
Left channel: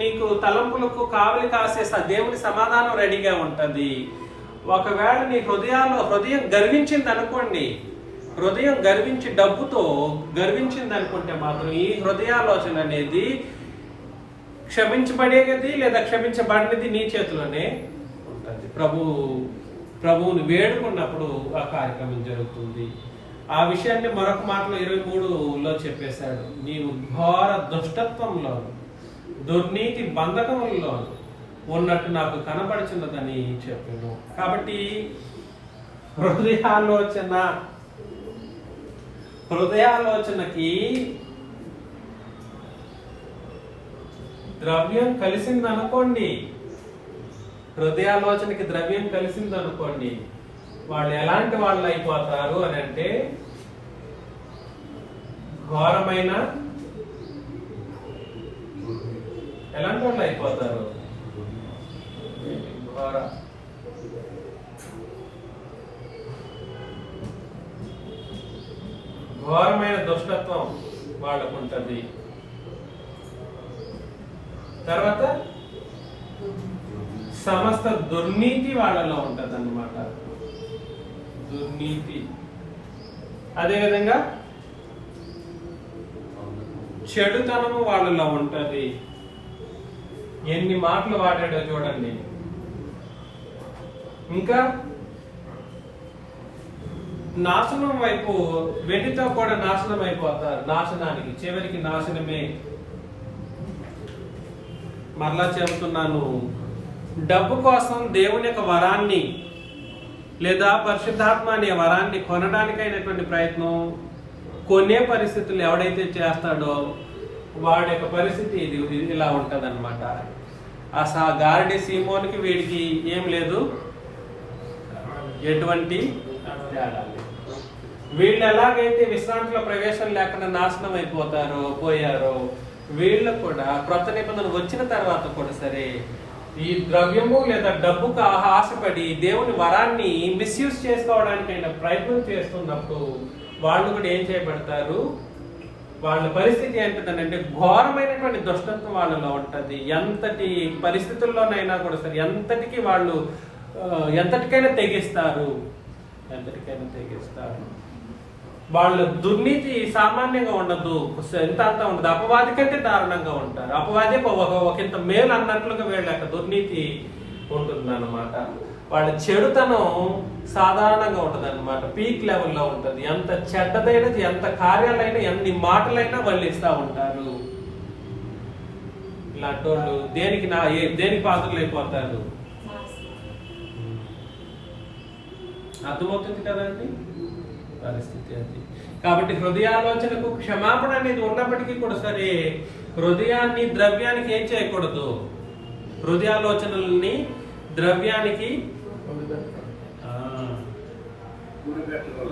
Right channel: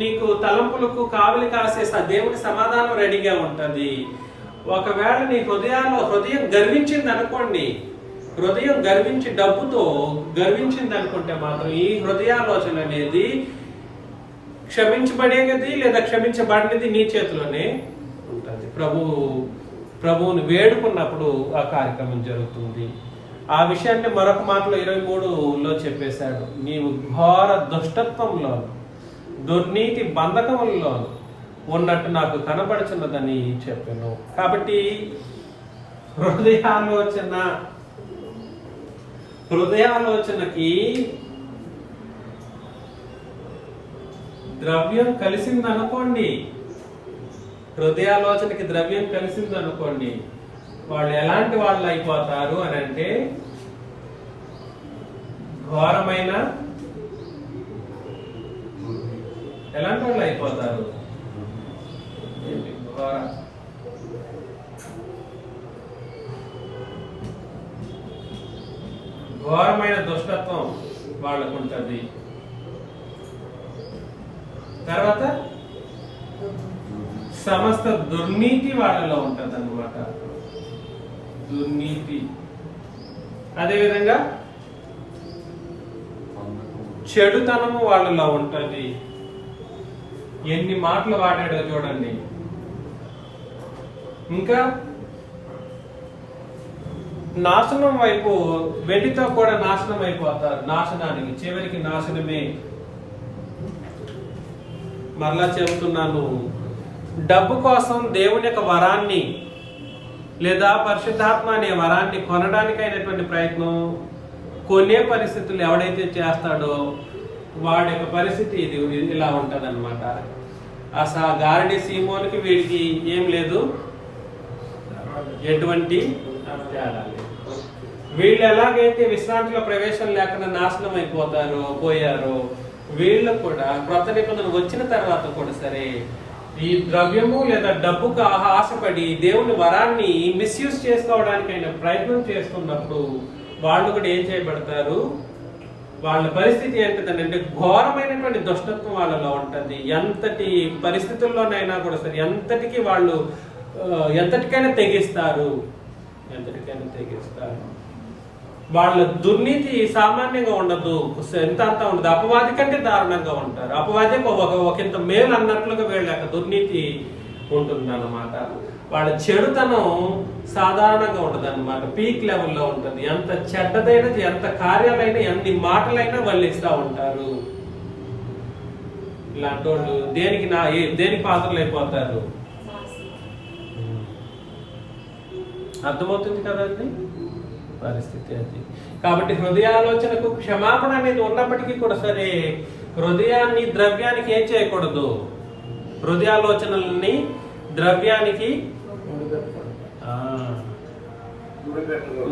నీకు తలంపులకు కావలి కాసే దేవుని సమాధానం రెడీగా ఉంటది. ఒకవేళ నీ హృదయం గర్వించింది అనుకోండి, హృదయం గర్వించి డబ్బుతో గర్వించింది అనుకుంటే మాత్రం ఈ హృదయాలోచన అనేది క్షమించబడేది లేదా క్షమించబడినది నీ చేతిలోనే ఉంటుంది. ప్రభువుని వేడుకున్నప్పుడు ఆ కార్యక్రమం జరుగుతుంది. ఆ విషయాన్ని మరొక మాటలో 23లో చెప్పేశాడు. నీవు ఘోర దుష్టత్వంలో, దుర్నీతి బంధకములలో ఉన్నట్టు నాకు కనబడుచున్నదని చెప్పాను. కాబట్టి హృదయాలోచనకి ద్రవ్యం కలిసిందనుకోండి, హృదయాలోచనకి ద్రవ్యం కలిసిందనుకోండి, వాళ్ళు ఎలాంటి వాళ్ళు అయిపోతారు అని అంటే ఘోరమైన ఎలాంటి వాళ్ళు అయిపోతారు? ఘోరమైన దుష్టత్వం వాళ్ళకు ఉంటుంది. తర్వాత సమస్త దుర్నీతి వాళ్ళలో ఉంటది అన్నమాట. దుర్నీతి. అదేవిధంగా చెడుతనము వాళ్ళలో ఉంటది. ఎన్ని మాటలు వాడాడో చూడండి. ఇంకా నాశనం వైపు, వెండితో కూడా నాశనం అయిపోతారు, నాశనానికి, చివరికి నాశనమే. మరలా చెబుతున్నాను, డబ్బు కోసం దేవుని యొక్క వరాన్ని లేదా పరిశుద్ధాత్మ అనే వరాన్ని కొనడానికైనటువంటి ప్రయత్నం, కొనే పరిస్థితులు ఎవడైతే చేస్తాడో వాడి యొక్క పరిస్థితి ఇలా ఉంటది అనమాట. ఆ గారడి సీమోనికి వీడికి ఏం లేదు, ఎటువంటి తేడా లేదు. వీళ్ళు ఎలాగైతే విశ్రాంతిలో ప్రవేశం లేకుండా నాశనం పోయారో, వీళ్ళు కూడా కొత్త నిబంధన వచ్చిన తర్వాత కూడా సరే ఈ ద్రవ్యము లేదా డబ్బుకు ఆశపడి దేవుని వరాన్ని మిస్యూజ్ చేసుకోవడానికైనా ప్రయత్నం చేస్తున్నప్పుడు వాళ్ళు కూడా ఏం చేయబడతారు, వాళ్ళ పరిస్థితి ఏంటంటే ఘోరమైనటువంటి దుష్టత్వం వాళ్ళలో ఉంటది. ఎంతటి పరిస్థితుల్లోనైనా కూడా సరే ఎంతటికైనా తెగిస్తారు. వాళ్ళ దుర్నీతి సామాన్యంగా ఉండదు, ఎంత అంతా ఉండదు. అపవాది కంటే దారుణంగా ఉంటారు. అపవాది ఒకంత మేలు అన్నట్లుగా వీళ్ళ యొక్క దుర్నీతి ఉంటుంది అన్నమాట. వాళ్ళ చెడుతనం సాధారణంగా ఉంటది అన్నమాట, పీక్ లెవెల్లో ఉంటది. ఎంత చెడ్డదైనా, ఎంత కార్యాలైనా, ఎన్ని మాటలైనా వల్లిస్తూ ఉంటారు. ఇలాంటి వాళ్ళు దేనికి పాత్రలు అయిపోతారు. అర్థమవుతుంది కదండి పరిస్థితి అది. కాబట్టి హృదయాలోచనకు క్షమాపణ అనేది ఉన్నప్పటికీ కూడా సరే హృదయాన్ని ద్రవ్యానికి ఏం చేయకూడదు, హృదయాలోచనల్ని ద్రవ్యానికి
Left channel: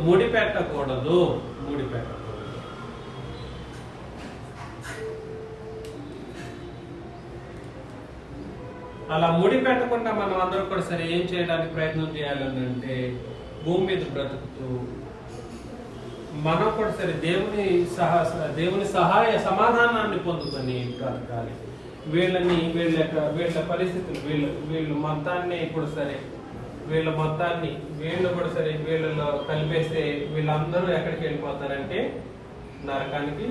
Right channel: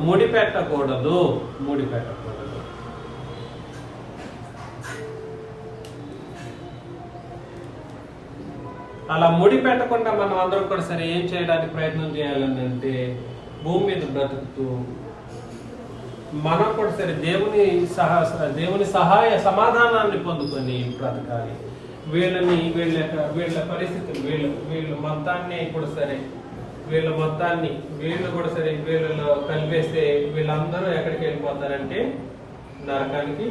ముడిపెట్టకూడదు. అలా ముడి పెట్టకుండా మనం అందరం కూడా సరే ఏం చేయడానికి ప్రయత్నం చేయాలంటే భూమి మీద బ్రతుకుతూ మనం కూడా సరే దేవుని సహాయ సమాధానాన్ని పొందుకొని బ్రతకాలి. వీళ్ళ పరిస్థితులు వీళ్ళు మొత్తాన్ని కూడా సరే వీళ్ళు కూడా సరే వీళ్ళలో కలిపేస్తే వీళ్ళందరూ ఎక్కడికి వెళ్ళిపోతారంటే నరకానికి.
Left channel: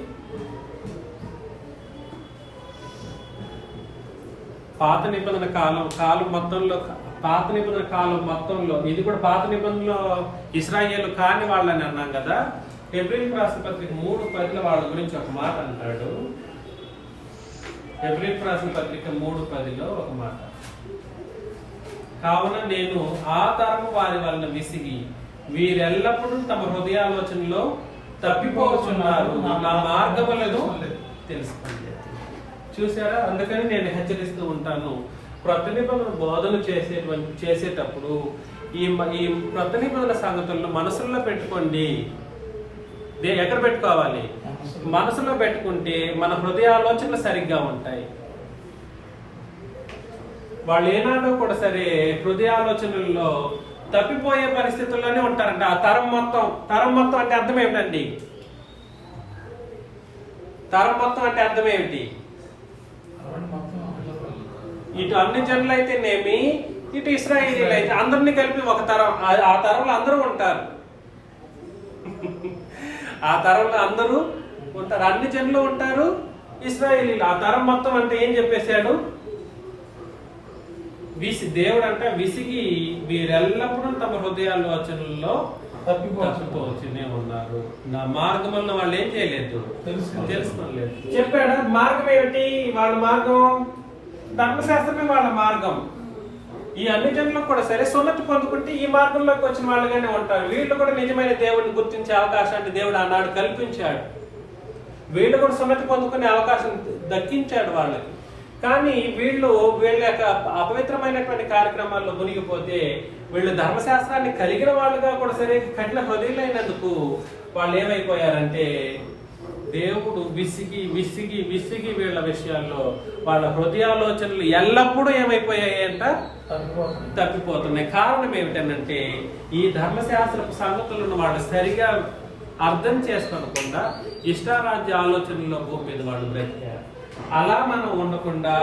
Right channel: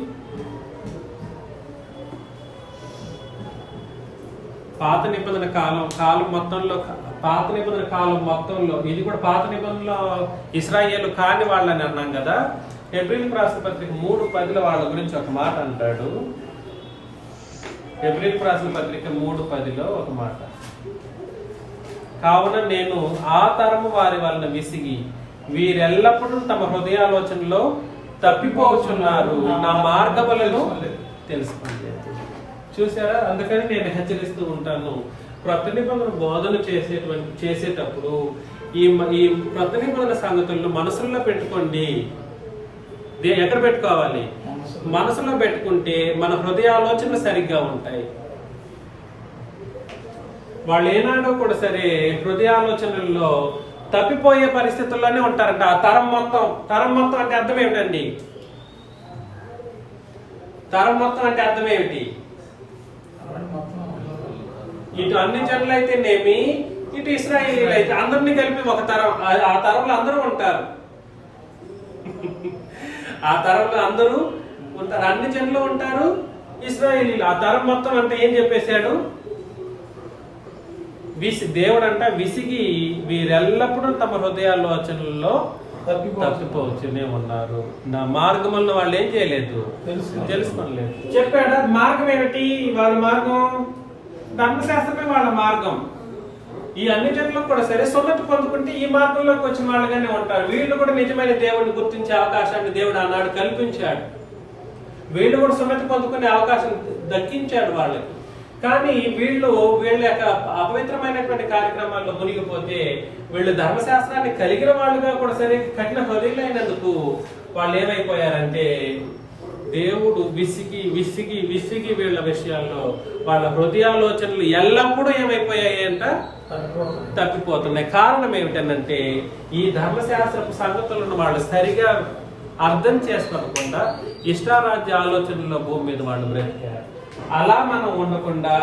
పాత నిబంధన కాలం మొత్తంలో ఇది కూడా పాత నిబంధనలో ఇశ్రాయేలు కాని వాళ్ళని అన్నాం కదా. హెబ్రీయులకు రాసిన పత్రిక 3:10 వాళ్ళ గురించి ఒక మాట అంటాడు. హెబ్రీయులకు రాసిన పత్రిక 3:10 ఒక మాట, కావున నేను ఆ తరము వారి వలన విసిగి వీరెల్లప్పుడూ తమ హృదయాలోచనలో తప్పిపోతున్నారు, నా మార్గములను తెలుసుకోండి. చూసారా, అందుకని నేను హెచ్చరిస్తూ ఉంటాను, క్రొత్త నిబంధన బోధన చేసేటప్పుడు ఈ క్రొత్త నిబంధన సంగతులను మనసుల్లో పెట్టుకోండి. ఎక్కడ పెట్టుకోవాలి? మనసులో పెట్టుకుంటే మన హృదయాలోచనలు సరిగ్గా ఉంటాయి. వాళ్ళు ఏనాడో కూడా సరే హృదయాలోచనల్లో తప్పిపోయే పరిస్థితుల్లోనే ఉంటారంట. ఆ తరం మొత్తం అంటే అర్థం ఏమిటండి? తరం మొత్తం అంటే అర్థం ఏమిటి? ఇటు అన్ని జనులు అయితేనేమి, ఇటు ఇశ్రాయేలీలు అయితే అందరినీ కలిపి ఒక తరం. ఆ తరంలో అందరూ ఉంటారు. ఆ తరంలో అందరూ ఉంటారు, అన్ని జనులు ఉంటారు, ఇశ్రాయేలీలు. ఆ తరం మొత్తం అంతా ఏం చెప్పేశాడు? దేవుడు అంట విసిగి వీరెల్లప్పుడూ తమ హృదయాలోచనల్లో తప్పిపోవచ్చునే ఉన్నారు, నా మార్గంలో వాళ్ళు ఏం చేయలేదు, తెలుసుకోలేదు. చెప్పాడా మార్గం ఏమిటి? వాళ్ళ మార్గం ధర్మశాస్త్రమే వాళ్ళ మార్గం. ఈ అన్ని జనులకు కూడా సరే సున్నతి పొందుకుంటే ఈ మార్గంలోకి వచ్చిన వాళ్ళగానే ఉంటారు. వీళ్ళు కూడా నిజమైన దేవుడిని గుర్తించే అవకాశాన్ని దేవుడు ఆనాడు కల్పించాడు. వీళ్ళు కూడా సున్నతి పొందుకునే అవకాశం దక్కించాడు వాళ్ళకి. కానీ వీళ్ళ యొక్క అపవిత్రమైనటువంటి కార్యక్రమాల్లో మునిగిపోతే వీళ్ళు ధర్మశాస్త్రాన్ని కలిగిన వాళ్ళుగా కూడా సరే కఠిన హృదయులైనందుకు వాళ్ళు ఏమైపోయారంటే దేవుడు విసిగి వీళ్ళ విషయాల్లో వాళ్ళ హృదయాలోచనలు ఎల్లప్పుడూ ఏమైపోయాయంట? తప్పిపోతున్నాయి. కారణం ఏమిటంటే ఈ ధర్మశాస్త్రపు సంగతులను వాళ్ళు సరిగా అర్థం చేసుకోకుండా ఇష్టారాజ్య ఆలోచనల్లో భూమి మీద వాళ్ళు బ్రతికారు. అలా మనం ఉండకుండా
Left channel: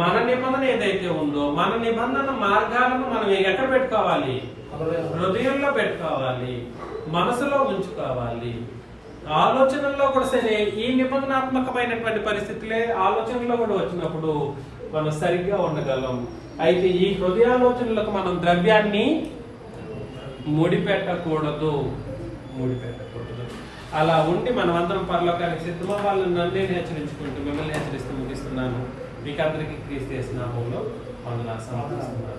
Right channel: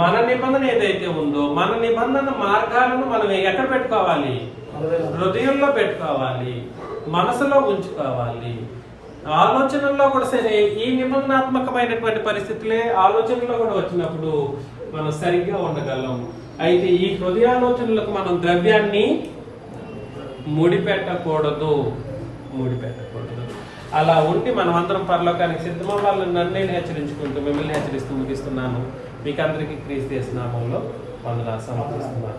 మన నిబంధన ఏదైతే ఉందో మన నిబంధన మార్గాలను మనం ఎక్కడ పెట్టుకోవాలి? హృదయంలో పెట్టుకోవాలి, మనసులో ఉంచుకోవాలి. ఆలోచనల్లో కూడా సరే ఈ నిబంధనాత్మకమైనటువంటి పరిస్థితులే ఆలోచనలో కూడా వచ్చినప్పుడు మనం సరిగ్గా ఉండగలం. అయితే ఈ హృదయాలోచనలకు మనం ద్రవ్యాన్ని ముడిపెట్టకూడదు. ముడిపెట్టకూడదు. అలా ఉండి మనం అందరం పరలోకానికి సిద్ధమవ్వాలి. నన్నే హెచ్చరించుకుంటూ మిమ్మల్ని హెచ్చరిస్తూ ముగిస్తున్నాను. మీకు అందరికీ క్రీస్తు యేసు నామములో వందనాలు సమర్పిస్తున్నాను.